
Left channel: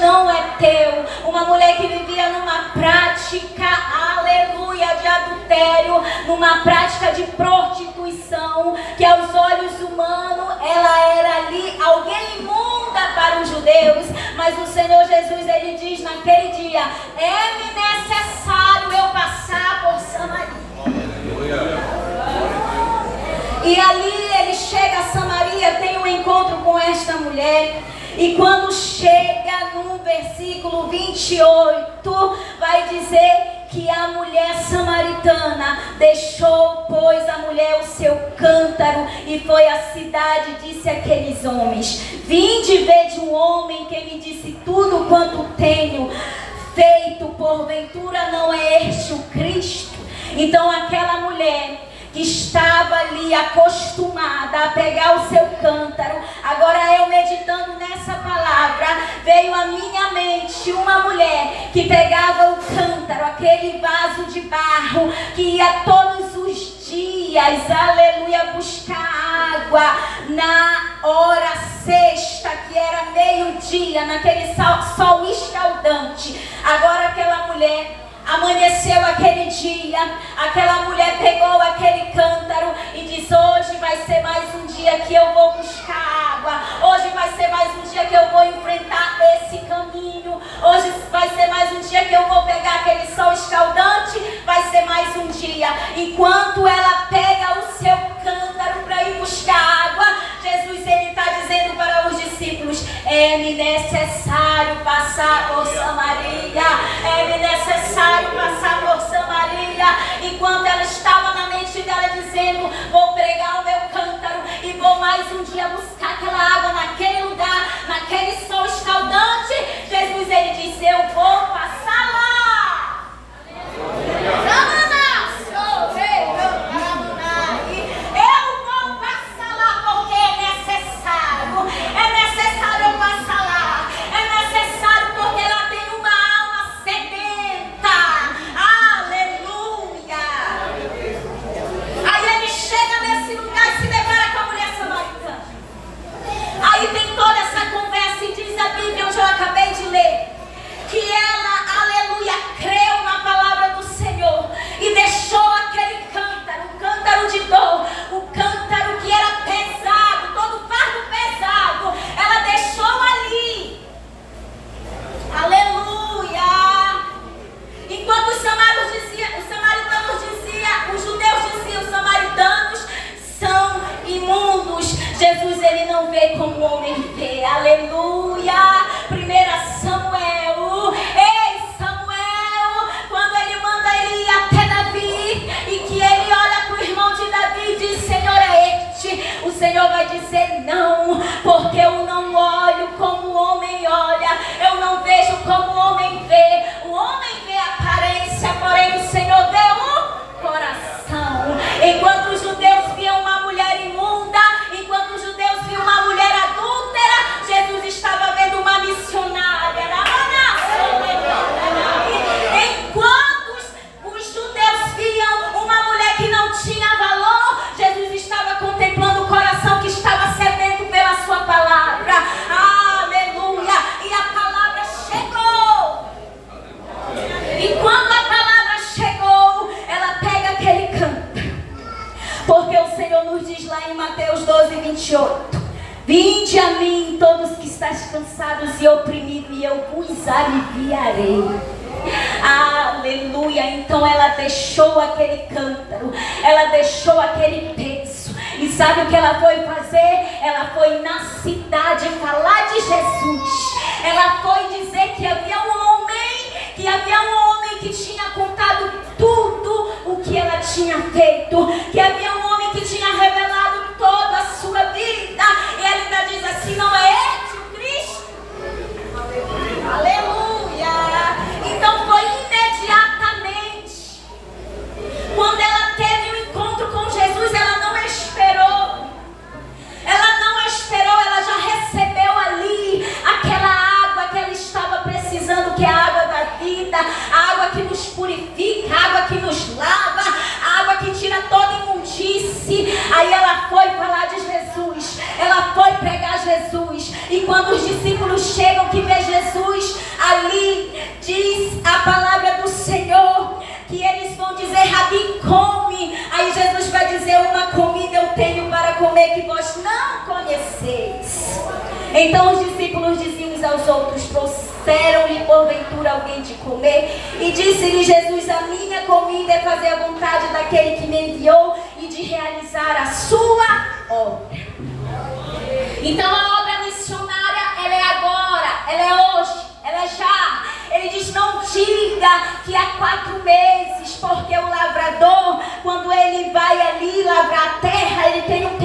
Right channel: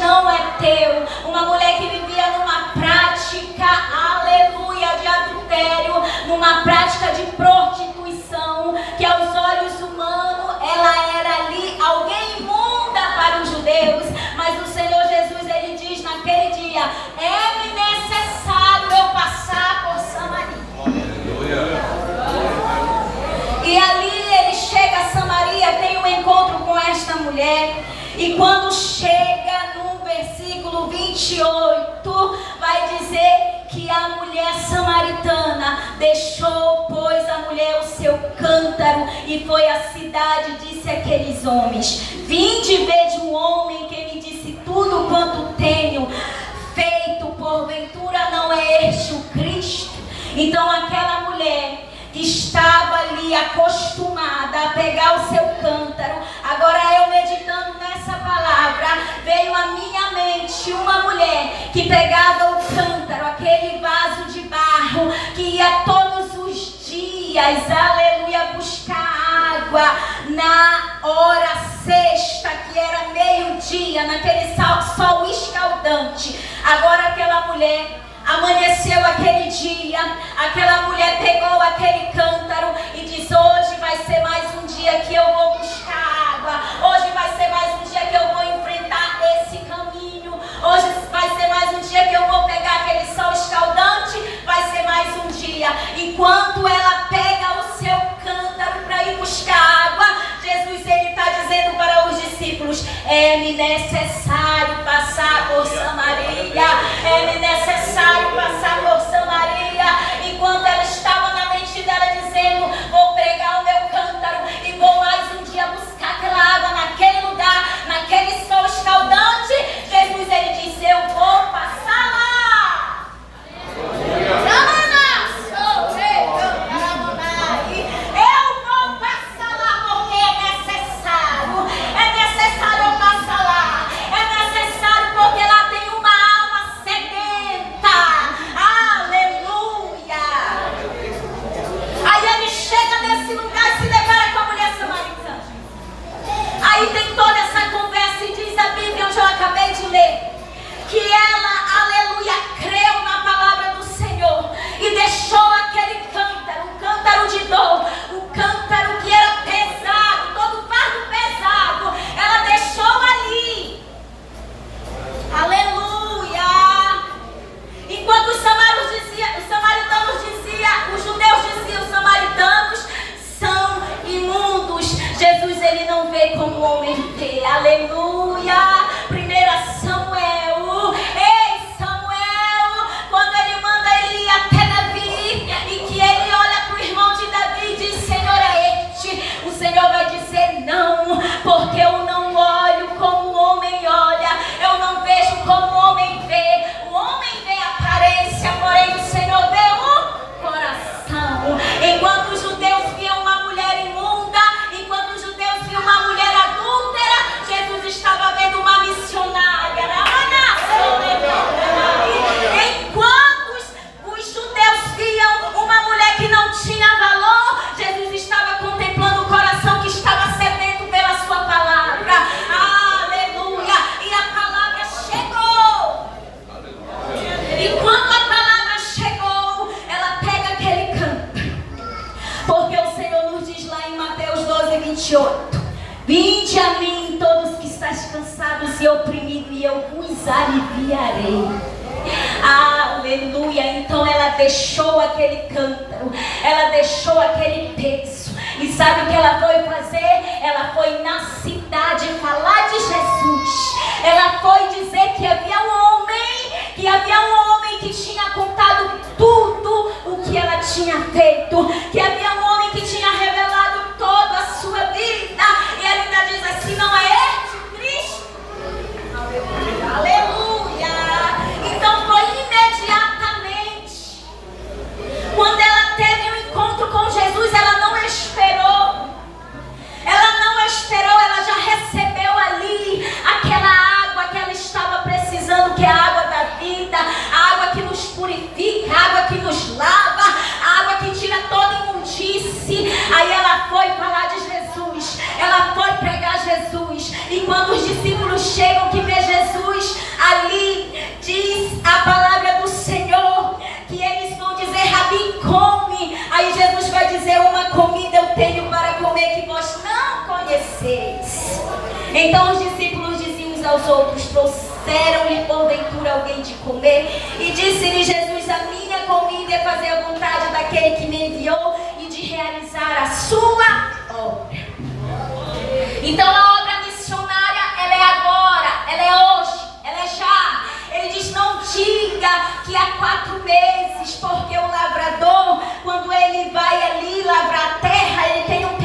não é teu. Uma mulher que vivia numa prática, aleluia, de adultério, numa prática de prostituição, que aos olhos humanos ela era ali alguém imunda para os judeus. Mas o Senhor Jesus, ele diz naquele dia: é-me necessário eu passar por Samaria. E ali ele chega a Samaria, tem um encontro com esta mulher. E quando chega no versículo 28, vai dizer que a mulher samaritana deixou, pois, a mulher o seu cântaro e foi à cidade e disse àqueles homens: vinde ver de um homem que me disse tudo quanto tenho feito, porventura não é este o Cristo? Então aquela mulher que estava ali acostumada a pegar o seu cântaro, agora eu meditando nessa palavra, veio à minha mente uma mulher que pegava o cântaro, aquele vaso de barro, que ia todos os dias, aleluia, buscar água na hora sexta, que era meio-dia, naquele sol escaldante. Agora aquela mulher amanheceu aquele dia, aquela mulher pegou aquele cântaro e diz: hoje vai ser mais um dia que eu vou buscar água, hoje vai ser mais um dia que eu vou enfrentar esse caminho, hoje vai ser mais um dia que eu vou pegar aquele sol escaldante, vai ser mais um dia. Enquanto ela pega o seu cântaro para ir buscar água, Jesus, ele está dizendo para os discípulos: é-me necessário passar por Samaria, é-me necessário passar por Samaria. Enquanto ela estava na mente dela dizendo: vou pregar o meu cântaro e vou mais um dia buscar aquela água naquele lugar, naquele sol escaldante, Jesus, ele disse: eu vou passar lá. Eu vou passar lá porque é necessário eu passar lá, é necessário porque lá tem uma alma sedenta, aleluia. Aí ele chega nesse lugar e se depara com a mulher samaritana. Aí tem toda essa conversa e diz a Bíblia, onde eu acabei de ler, que ela, aleluia, creu na palavra do Senhor e deixou aquele cântaro, um cântaro de dor, um cântaro que era pesado, todo fardo pesado, ela deixou ali, aleluia. Enquanto os samaritanos diziam, os judeus diziam: os samaritanos são imundos, Jesus, ele não vê como o homem vê, aleluia. 1 Samuel, ei Samuel, quando ele manda ele ir até Davi e que ele olha para o irmão de Davi e diz: Senhor, é este, o Senhor vai dizer: não, porque eu não olho como o homem olha, eu não vejo como o homem vê. O homem vê a aparência, porém o Senhor vê o coração. Enquanto os judeus viam uma mulher imunda, enquanto os judeus viam uma mulher adúltera, Jesus estava vendo uma missionária. Enquanto os judeus viam uma mulher que não tinha valor, Jesus estava contemplando o coração que estava sedento pela sua palavra, aleluia. E a palavra chegou. E quando a palavra chegou, ela pega aquele canto, porque o Senhor nos diz lá em Mateus 12, 28: vinde a mim todos que estáis cansados e oprimidos, e eu vos aliviarei. Aleluia. Então ela deixou aquele cântaro, ela deixou aquele peso, e sabe o que ela foi fazer? Ela foi na cidade falar de Jesus. Ela foi dizer que havia um homem que tinha contado tudo o que ela tinha feito, que havia um homem que tinha revelado toda a sua vida. E ela ainda diz assim: não é este o Cristo? Aleluia. Então foi imediatamente. Quando ela teve um encontro com Jesus, ela não esperou. Ela já recebeu ali aquela água que ela estava precisando, que é a água da vida, a água que nos purifica, a água que nos lava, a água que tira toda imundície. Aí ela foi falar de Jesus, ela foi pegar Jesus. E quando os discípulos chegam que vê Jesus, conheceis. Então os discípulos diziam uns aos outros: trouxeram-lhe porventura alguém de comer? E disse-lhe Jesus: a minha comida é fazer a vontade daquele que me enviou e de realizar a sua obra. Então a obra missionária, ela é agora, ela é hoje, ela é já. Ele diz: não diga que há 4 meses, porque o lavrador, quando ele vai ali lavrar a terra, ele tem um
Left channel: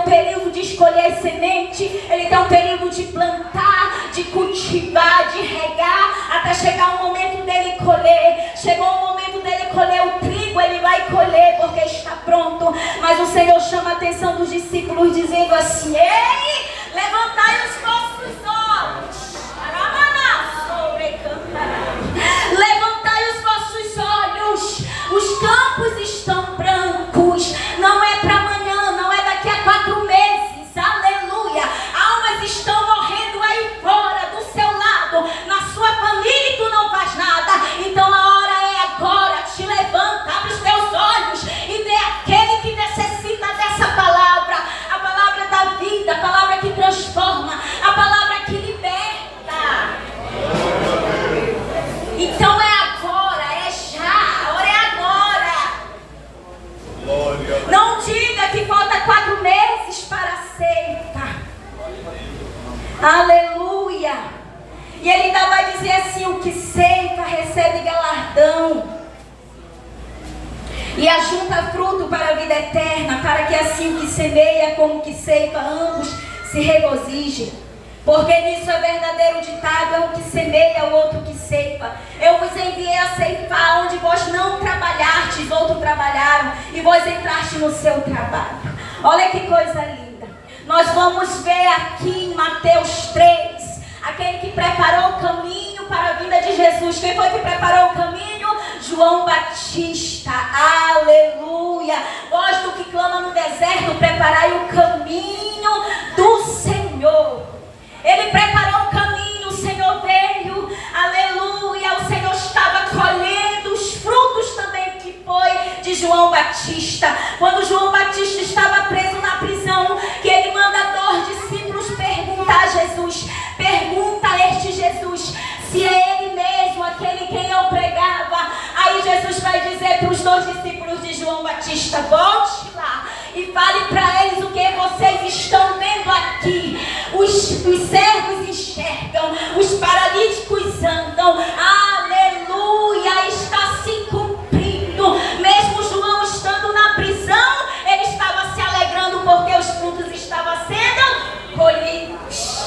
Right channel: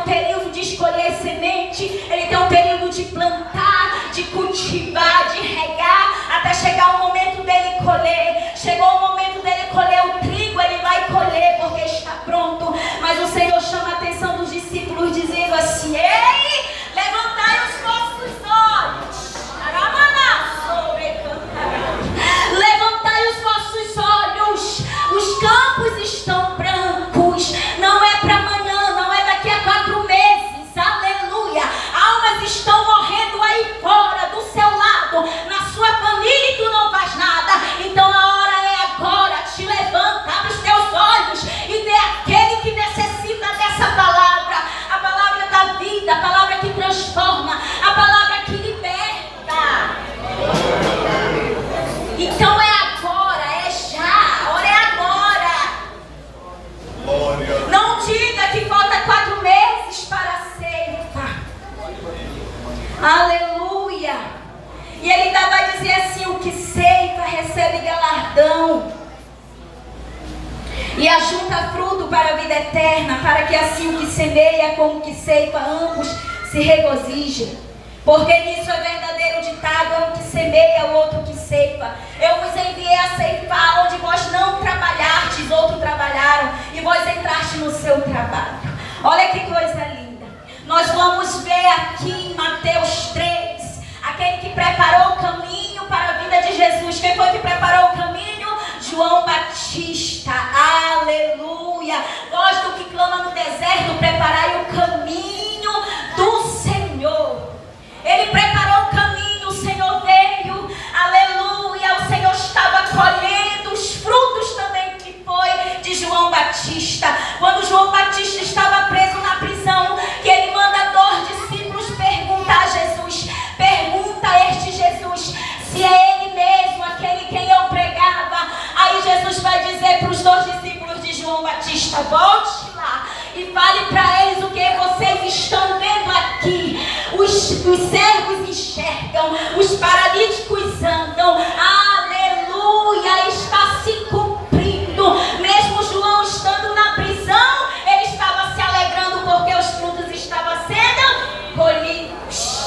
período de escolher semente, ele tem um período de plantar, de cultivar, de regar, até chegar o momento dele colher. Chegou o momento dele colher o trigo, ele vai colher porque está pronto. Mas o Senhor chama a atenção dos discípulos dizendo assim: ei, levantai os vossos olhos. Levantai os vossos olhos, os campos estão brancos, não é para amanhã, não é daqui a 4 meses, aleluia. Almas estão morrendo aí fora, do seu lado, na sua família, e tu não faz nada. Então a hora é agora, te levanta, abre os teus olhos e dê àquele que necessita dessa palavra, a palavra da vida, a palavra que transforma, a palavra que liberta. Então é agora, é já, a hora é agora. Não diga que falta 4 meses para a ceifa. Aleluia. E ele ainda vai dizer assim: o que ceifa recebe galardão e ajunta fruto para a vida eterna, para que assim o que semeia como o que ceifa ambos se regozijem. Porque nisso é verdadeiro ditado: é um que semeia, o outro que ceifa. Eu vos enviei a ceifar onde vós não trabalhastes, outros trabalharam, e vós entraste no seu trabalho. Olha que coisa linda. Nós vamos ver aqui em Mateus 3, aquele que preparou o caminho para a vida de Jesus. Quem foi que preparou o caminho? João Batista. Aleluia. Vós do que clama no deserto, preparai o caminho do Senhor. Ele preparou o caminho, o Senhor veio, aleluia. O Senhor estava colhendo os frutos também que foi de João Batista. Quando João Batista estava preso na prisão, que ele manda 2 discípulos perguntar a Jesus, pergunta a este Jesus se é ele mesmo, aquele quem eu pregava. Aí Jesus vai dizer para os 2 discípulos de João Batista: volte lá e fale para eles o que vocês estão vendo aqui. Os cegos enxergam, os paralíticos andam. Aleluia, está se cumprindo. Mesmo João estando na prisão, ele estava se alegrando porque os frutos estavam sendo colhidos.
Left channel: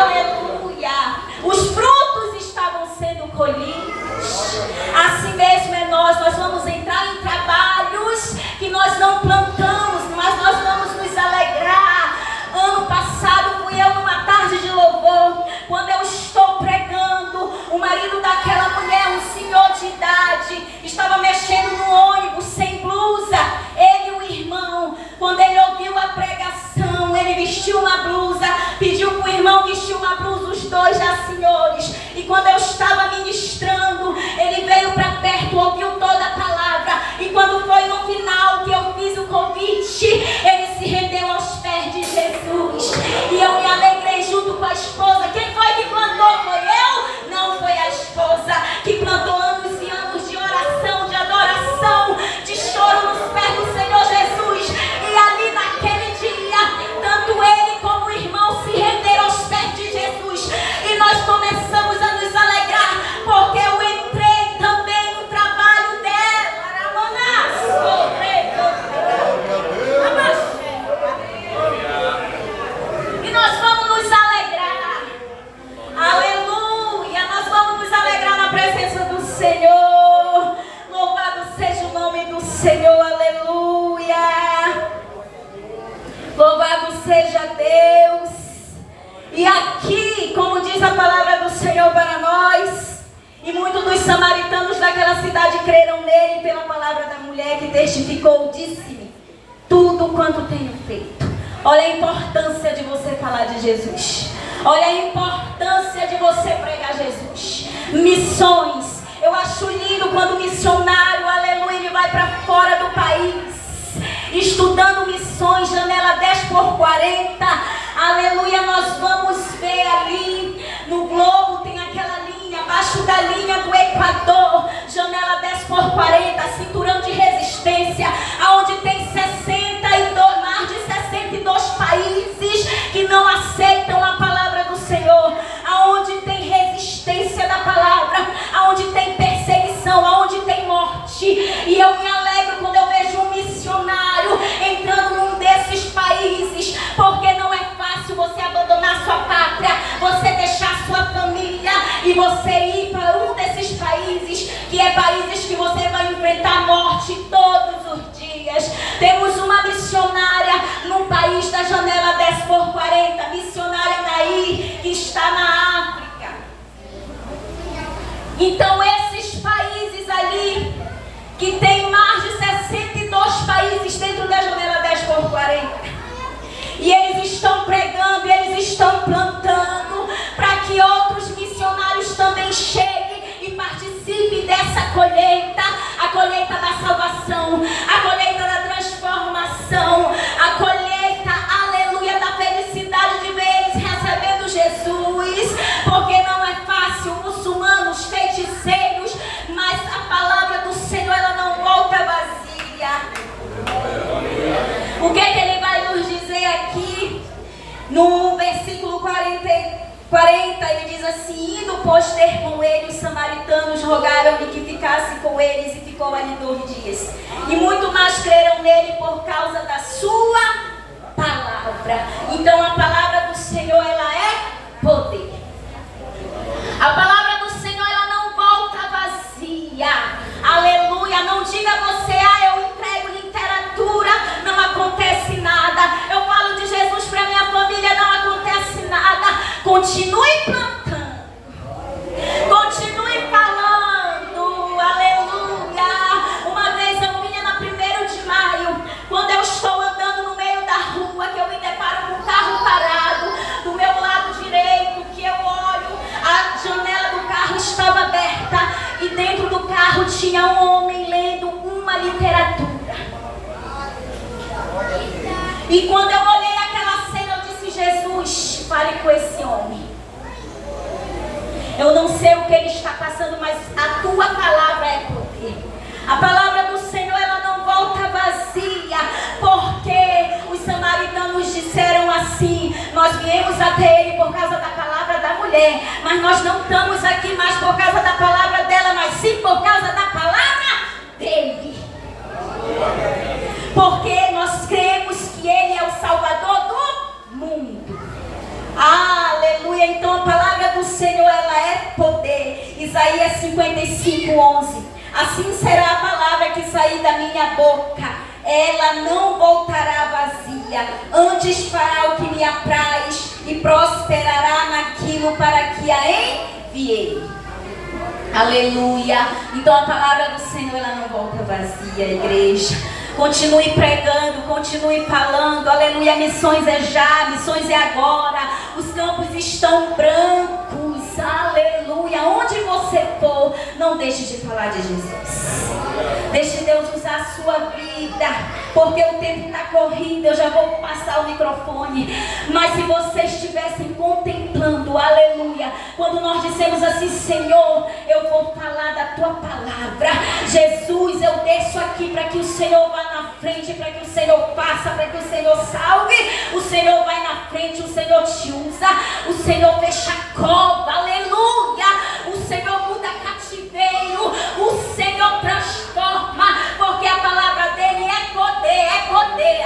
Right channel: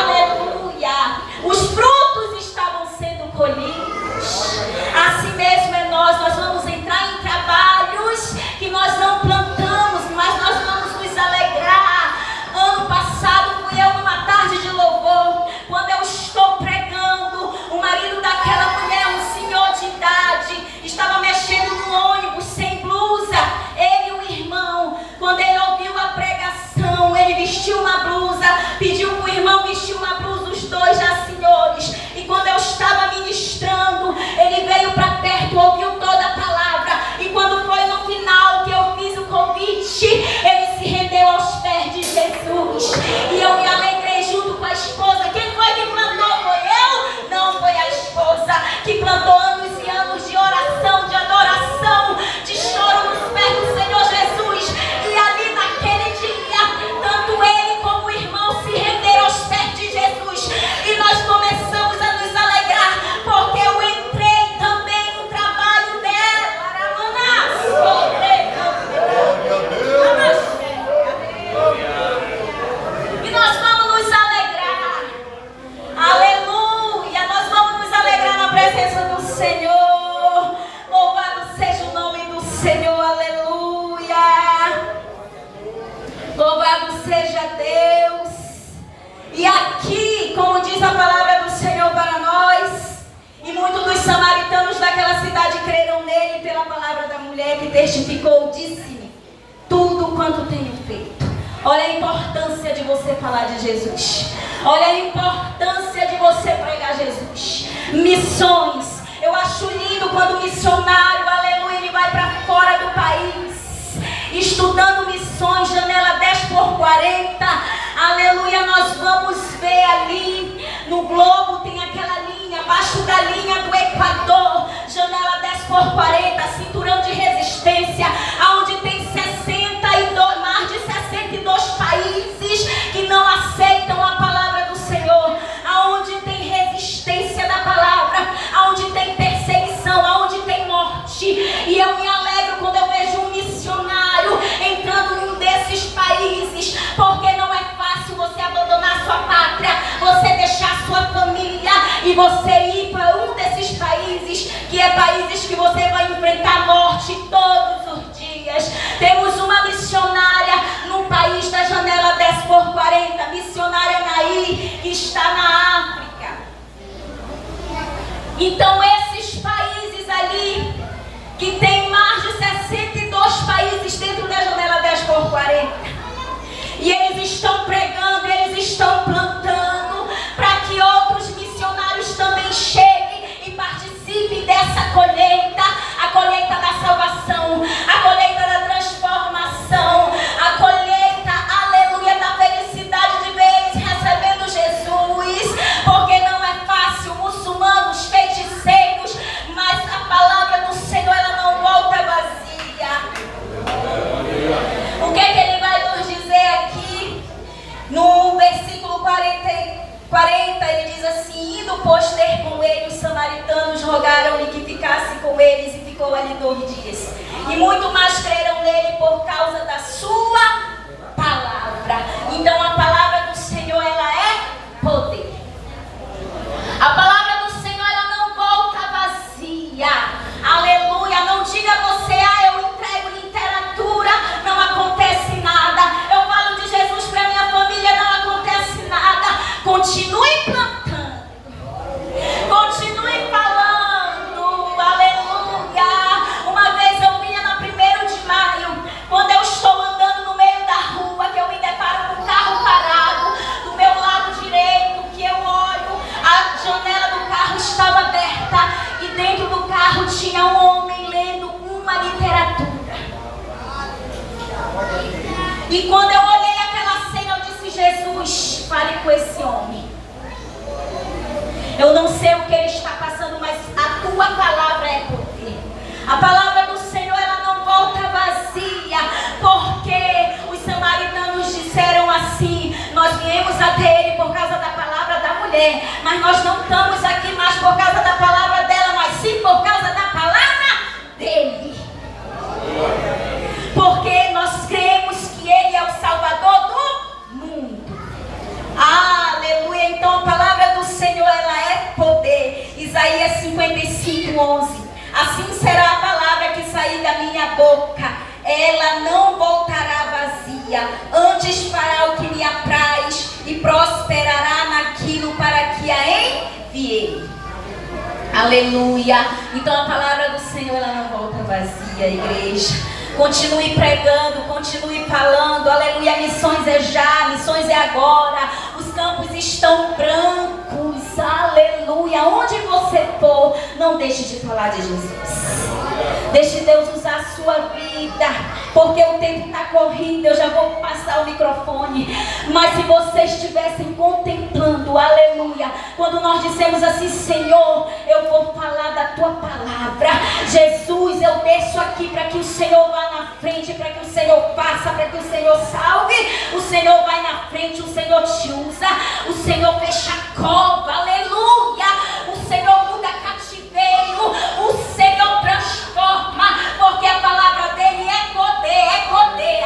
Aleluia, os frutos estavam sendo colhidos. Assim mesmo é nós vamos entrar em trabalhos que nós não plantamos, mas nós vamos nos alegrar. Ano passado fui eu numa tarde de louvor, quando eu estou pregando, o marido daquela mulher, um senhor de idade, estava mexendo no ônibus sem blusa. Ele e o irmão, quando ele ouviu a pregação, ele vestiu uma blusa, pediu para o irmão vestir uma blusa, os 2 já senhores. E quando eu estava ministrando, ele veio para perto, ouviu toda a palavra. E quando foi no final que eu fiz o convite, ele se rendeu aos pés de Jesus. E eu me alegrei junto com a esposa. Quem foi que plantou? Foi eu? Não, foi a esposa que plantou anos e anos de oração, de adoração, de choro nos pés do Senhor Jesus. E ali naquele dia, tanto ele como o irmão se renderam aos pés de Jesus. E nós começamos a nos alegrar, porque eu entrei também no trabalho dela. E nós vamos nos alegrar. Aleluia, nós vamos nos alegrar na presença do Senhor. Louvado seja o nome do Senhor, aleluia. Louvado seja Deus. E aqui, como diz a palavra do Senhor para nós, e muitos dos samaritanos daquela cidade creram nele pela palavra da mulher que testificou, disse-me tudo quanto tenho feito. Olha a importância de você falar de Jesus. Olha a importância de você pregar Jesus. Missões. Eu acho lindo quando o missionário, aleluia, ele vai para fora do país, estudando missões, janela 10 por 10x40. Aleluia, nós vamos ver ali no globo, tem aquela linha, abaixo da linha do Equador, janela 10x40, cinturão de resistência, aonde tem mais de 62 países que não aceitam a palavra do Senhor, aonde tem resistência da palavra, aonde tem perseguição, aonde tem morte. E eu me alegro quando eu vejo um missionário entrando num desses países, porque não é fácil você abandonar sua pátria, você deixar sua família e você ir para um desses países, que é países que você vai enfrentar morte todos os dias. Temos uma missionária no país da janela 10x40, missionária Nair, que está na África. Então esses países ali, que tem mais de 62 países dentro da janela 10x40, e eles estão pregando, e eles estão plantando para que outros missionários também cheguem e participem dessa colheita, a colheita da salvação, a colheita da transformação, a colheita, aleluia, da felicidade de ver eles recebendo Jesus, porque não é fácil, muçulmanos, feiticeiros, mas a palavra do Senhor, ela não volta vazia. O que ele vai nos dizer aqui no versículo 40, ele diz assim: indo pois ter com ele, os samaritanos rogaram-lhe que ficasse com eles, e ficou ali 2 dias. E muito mais creram nele por causa da sua palavra. Então a palavra do Senhor, ela é poder. A palavra do Senhor, ela não volta vazia. Aleluia. Não diga você: eu entrego literatura, não acontece nada. Eu falo de Jesus para minha família, não acontece nada. Continue plantando, continue falando, aleluia. Uma vez eu vinha na 1º de maio, quando eu estou andando no meio da rua, que eu me deparo com um carro parado do meu lado direito, que eu olho, a janela do carro estava aberta, e dentro do carro tinha um homem lendo uma literatura. E quando eu olhei aquela cena, eu disse: Jesus, fale com esse homem. Eu não sei o que ele está passando, mas a tua palavra é poder. A palavra do Senhor, ela não volta vazia, porque os samaritanos disseram assim: nós viemos até ele por causa da palavra da mulher, mas nós não estamos aqui mais por causa da palavra dela, mas sim por causa da palavra dele. Porque nós cremos que ele é o Salvador do mundo. Aleluia. Então a palavra do Senhor, ela é poder. Isaías 55:11. Assim será a palavra que sair da minha boca, ela não voltará vazia, antes fará o que lhe apraz e prosperará naquilo para que a enviei. Aleluia. Então a palavra do Senhor, ela não volta vazia, igreja. Continue pregando, continue falando, aleluia. Missões é já, missões é agora. Os campos estão brancos, aleluia. Onde você for, não deixe de falar de Jesus. Deixe Deus usar a sua vida, porque o tempo está correndo. Eu já vou passar o microfone, mas se vocês estivessem contemplando, aleluia, quando nós dissemos assim: Senhor, eu vou falar da tua palavra. Jesus, eu desço aqui para que o Senhor vá na frente, para que o Senhor faça, para que o Senhor salve. O Senhor vai na frente, o Senhor te usa, o Senhor fecha a cova, aleluia. O Senhor muda cativeiro, o Senhor transforma, porque a palavra dele é poder, é poder.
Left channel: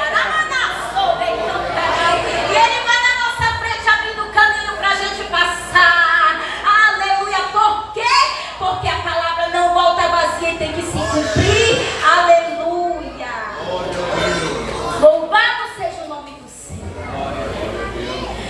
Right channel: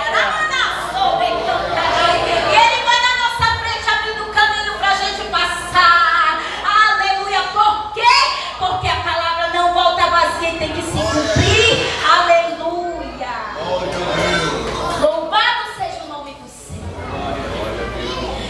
E ele vai na nossa frente abrindo o caminho para a gente passar, aleluia. Por quê? Porque a palavra não volta vazia e tem que se cumprir, aleluia. Louvado seja o nome do Senhor.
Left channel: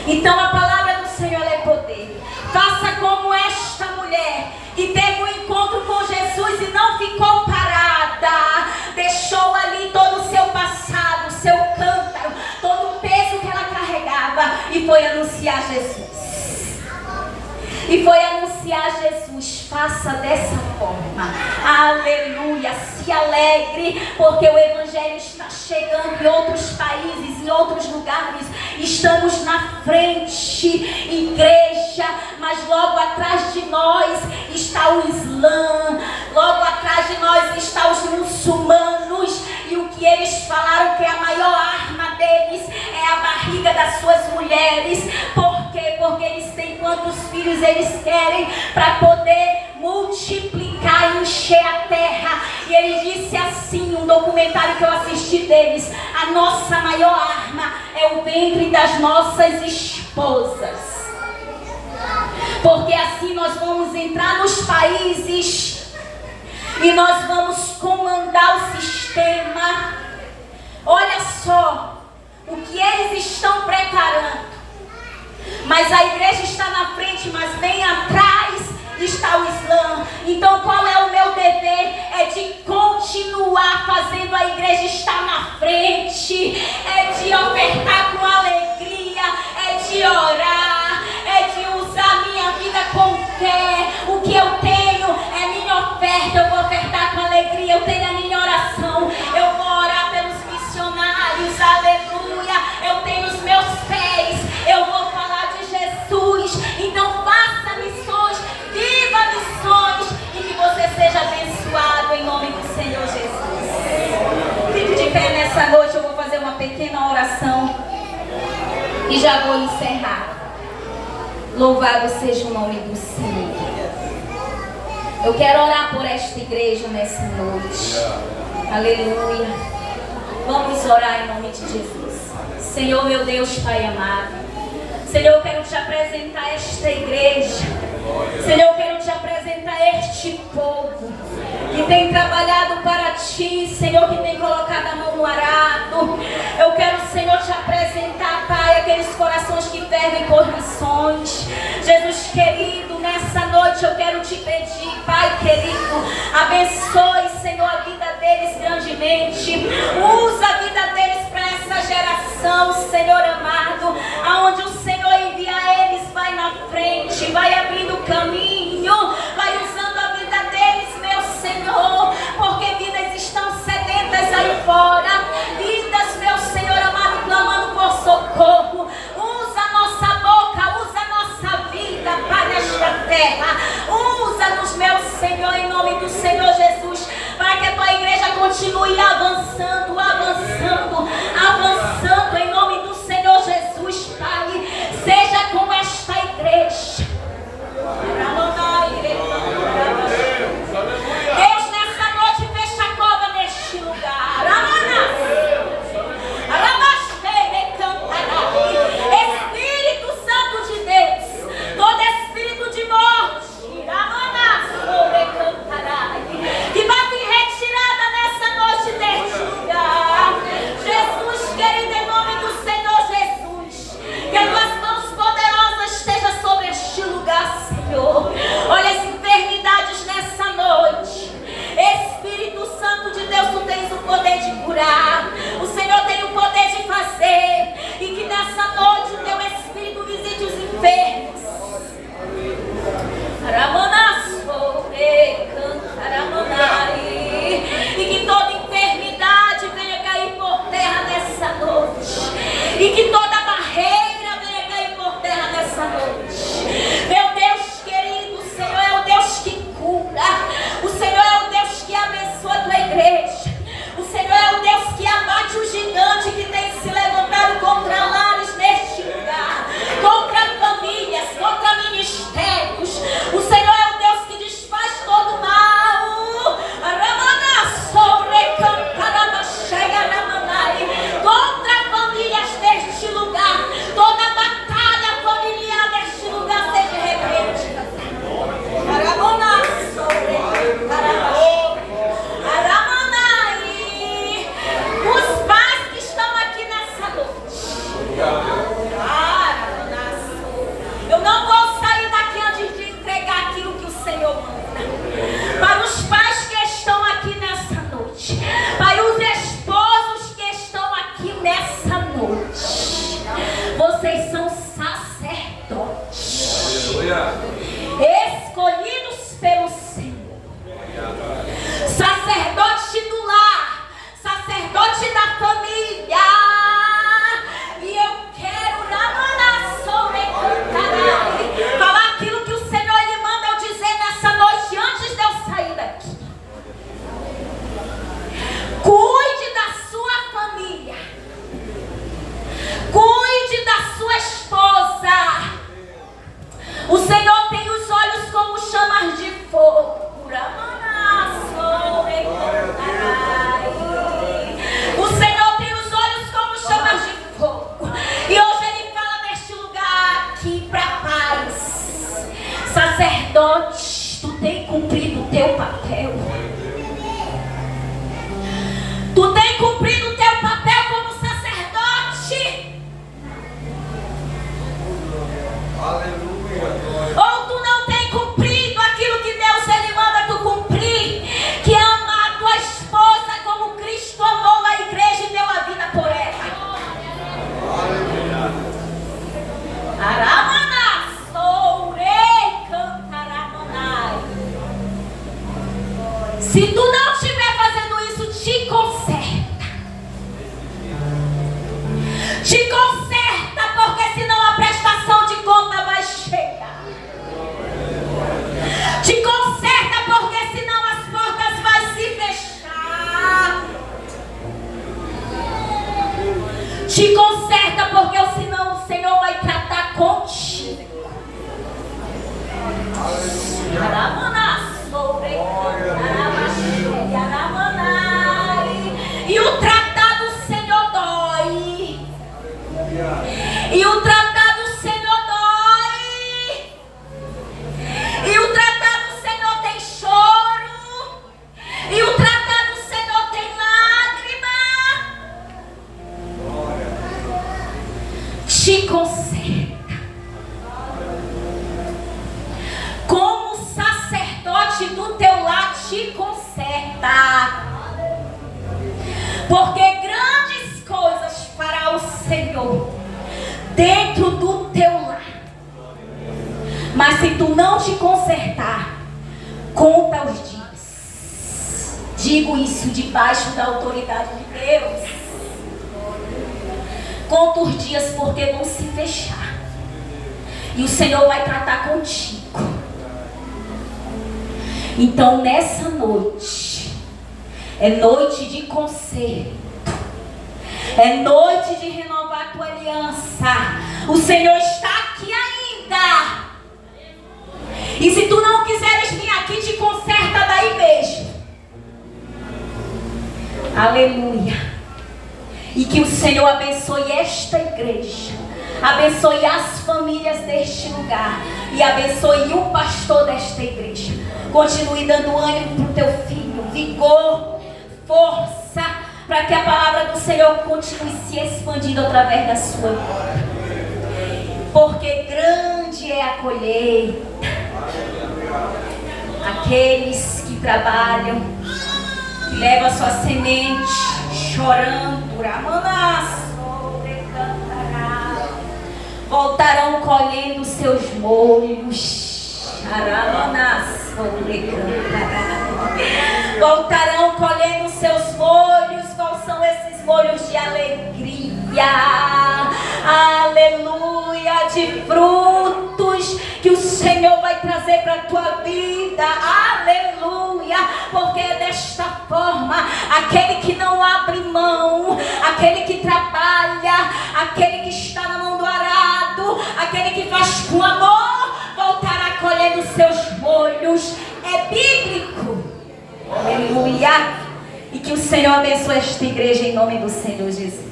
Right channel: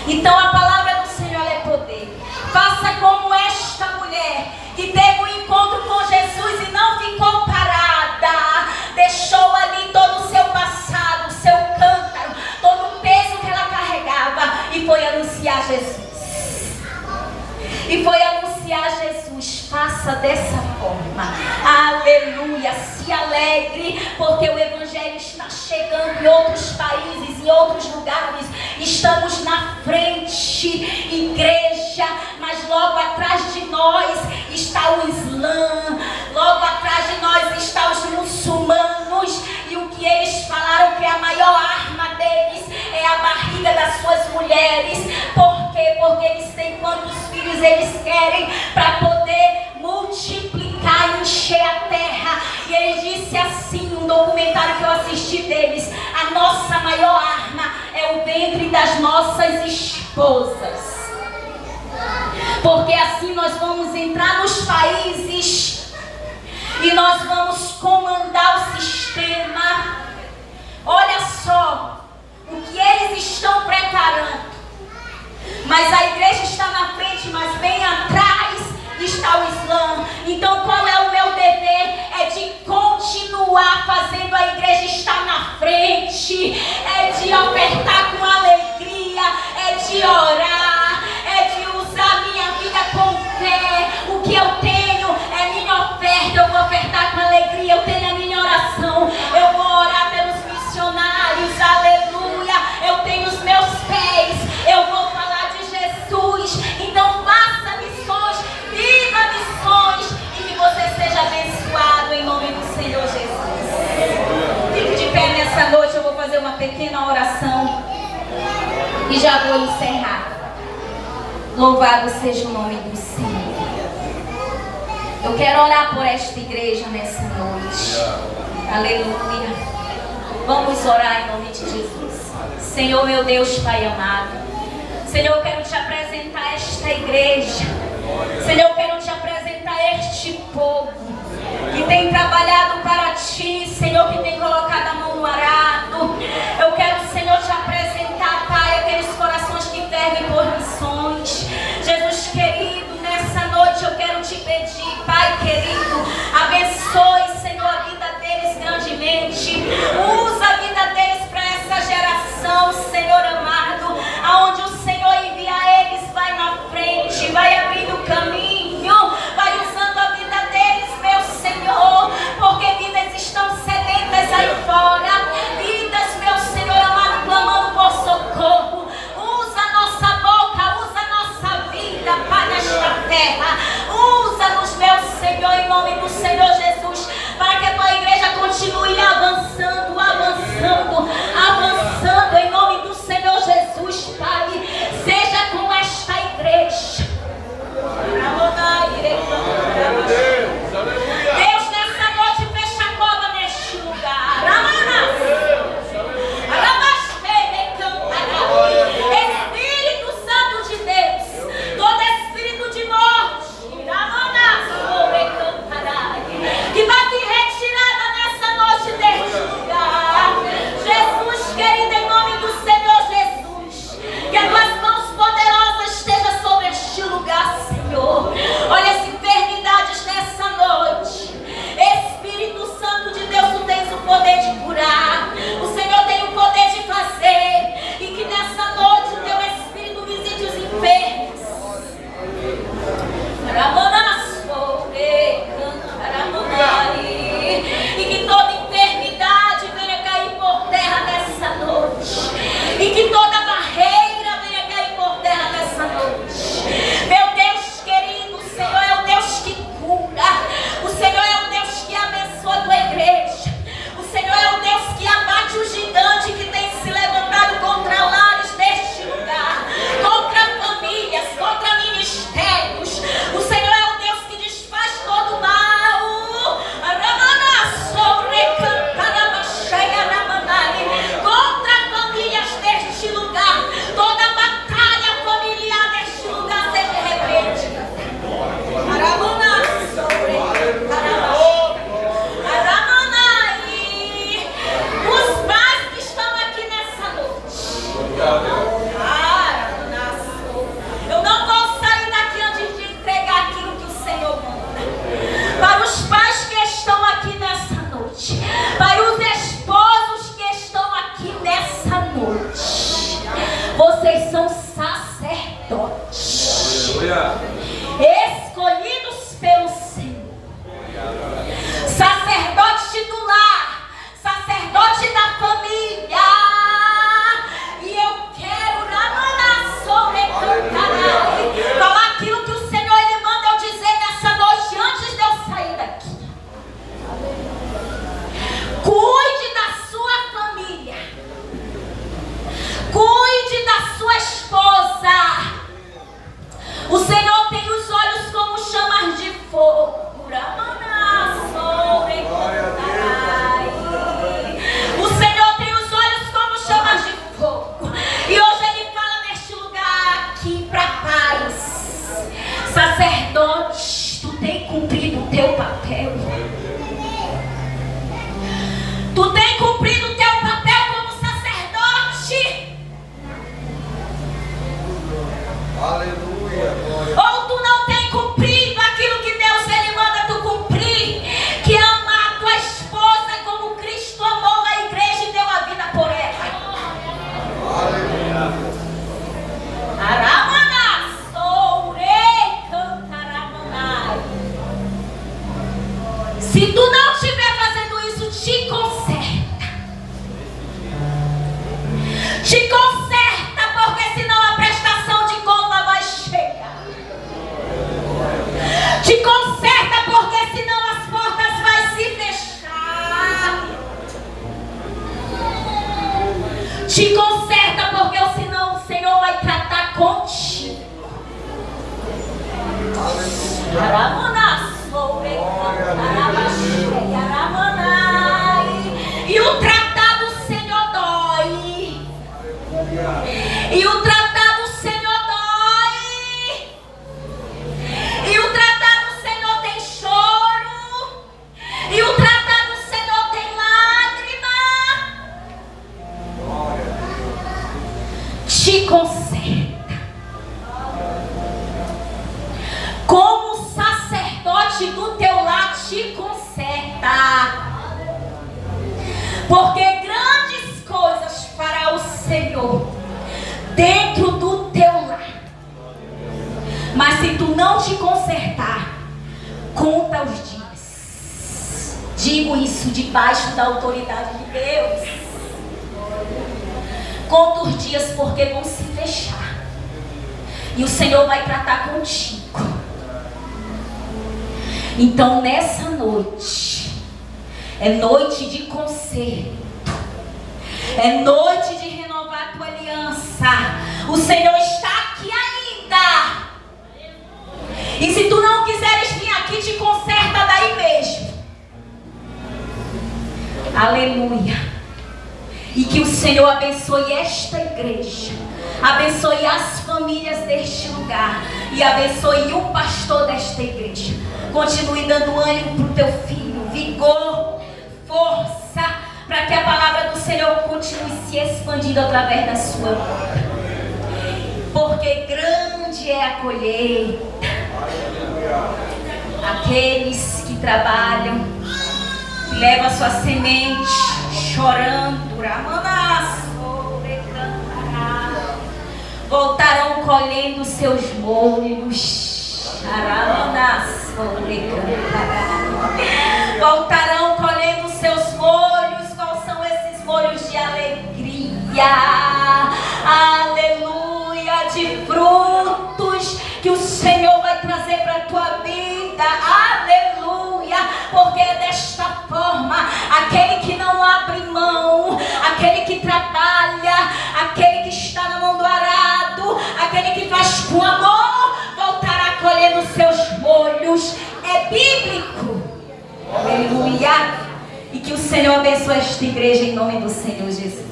Então a palavra do Senhor é poder. Faça como esta mulher, que teve um encontro com Jesus e não ficou parada, deixou ali todo o seu passado, o seu cântaro, todo o peso que ela carregava, e foi anunciar Jesus. E foi anunciar Jesus. Faça dessa forma, aleluia. se alegre, porque o Evangelho está chegando em outros países, em outros lugares. Estamos na frente, igreja, mas logo atrás de nós está o Islã, logo atrás de nós está os muçulmanos, e o que eles falaram que é a maior arma deles é a barriga das suas mulheres. Por quê? Porque eles têm quantos filhos eles querem para poder multiplicar e encher a terra. E ele disse assim, um documentário que eu assisti deles: a nossa maior arma é o ventre das nossas esposas, porque assim nós vamos entrar nos países e nós vamos comandar o sistema. Olha só o que eles estão preparando. Mas a igreja está na frente, mas bem atrás está o Islã. Então qual é o meu dever? É de continuar fazendo a igreja estar na frente, é de ofertar com alegria, é de orar, é de usar minha vida com fé. O que eu tenho é minha oferta, eu vou ofertar com alegria. Eu tenho a minha oração, eu vou orar pelos missionários, aleluia. Eu tenho os meus pés, eu vou falar de Jesus. Então faça missões, viva missões, e que você seja abençoado em nome do Senhor Jesus. Fique de pé nessa noite, eu vou fazer uma pequena oração e já vou encerrar. Louvado seja o nome do Senhor. Eu quero orar por esta igreja nessa noite. Aleluia. Vamos orar em nome de Jesus. Senhor, meu Deus, Pai amado, Senhor, eu quero te apresentar esta igreja. Senhor, eu quero te apresentar este povo que tem trabalhado para ti, Senhor, que tem colocado a mão no arado. Eu quero, Senhor, te apresentar, Pai, aqueles corações que fervem por missões. Jesus querido, nessa noite eu quero te pedir, Pai querido, abençoe, Senhor, a vida deles grandemente. Usa a vida deles para essa geração, Senhor amado, aonde o Senhor envia eles, vai na frente, vai abrindo caminho. tem cumprido o teu papel. Tu tem cumprido o teu papel como sacerdote. Aleluia. Ou tu não tem cumprido aquilo que Deus ele manda tu cumprir, que é amar a tua esposa como Cristo amou a igreja e deu a vida por ela. Aleluia. Aramana, soure, cantaramanai. Se tu não estiver fazendo isso, te conserta. Te conserta, porque senão a prestação de conta vai chegar. Te conserta, porque senão as portas vão se fechar. Te conserta, porque senão o Senhor vai tratar contigo. E o tratado o Senhor dói. E o tratado o Senhor dói. E o tratado o Senhor tem choro. E o tratado o Senhor tem lágrima. Te conserta. Como sacerdote do teu lar te conserta. Porque grandes coisas fará o Senhor dentro do teu lar. Mas se tu não te consertar, conta os dias. Digo isso debaixo da autoridade de Deus. Conta os dias, porque vão se fechar. E o Senhor vai tratar contigo. Então nessa noite, é noite de conserto, é noite de renovar a tua aliança. O Senhor está aqui ainda. E se tu não quiseres vir aqui, te conserta daí mesmo. Aleluia. E que o Senhor abençoe esta igreja, abençoe as famílias deste lugar e abençoe o pastor desta igreja. Continue dando ânimo para o teu filho, vigor, força, para que a palavra do Senhor continue se expandindo através da sua vida. Porque grande é a colheita. Aqueles que trabalham, que levam a sua semente chorando, voltarão colhendo seus molhos. Voltarão colhendo seus molhos. Quais são esses molhos de alegria? Aleluia, de frutos que o Senhor vai trazer para a tua vida. Aleluia, porque é desta forma, aquele que não abre mão, aquele que trabalha, aquele que está na mão do arado, aquele que faz com amor, voltará colhendo seus molhos. É bíblico. Aleluia. E que o Senhor abençoe esta igreja em nome do Senhor Jesus.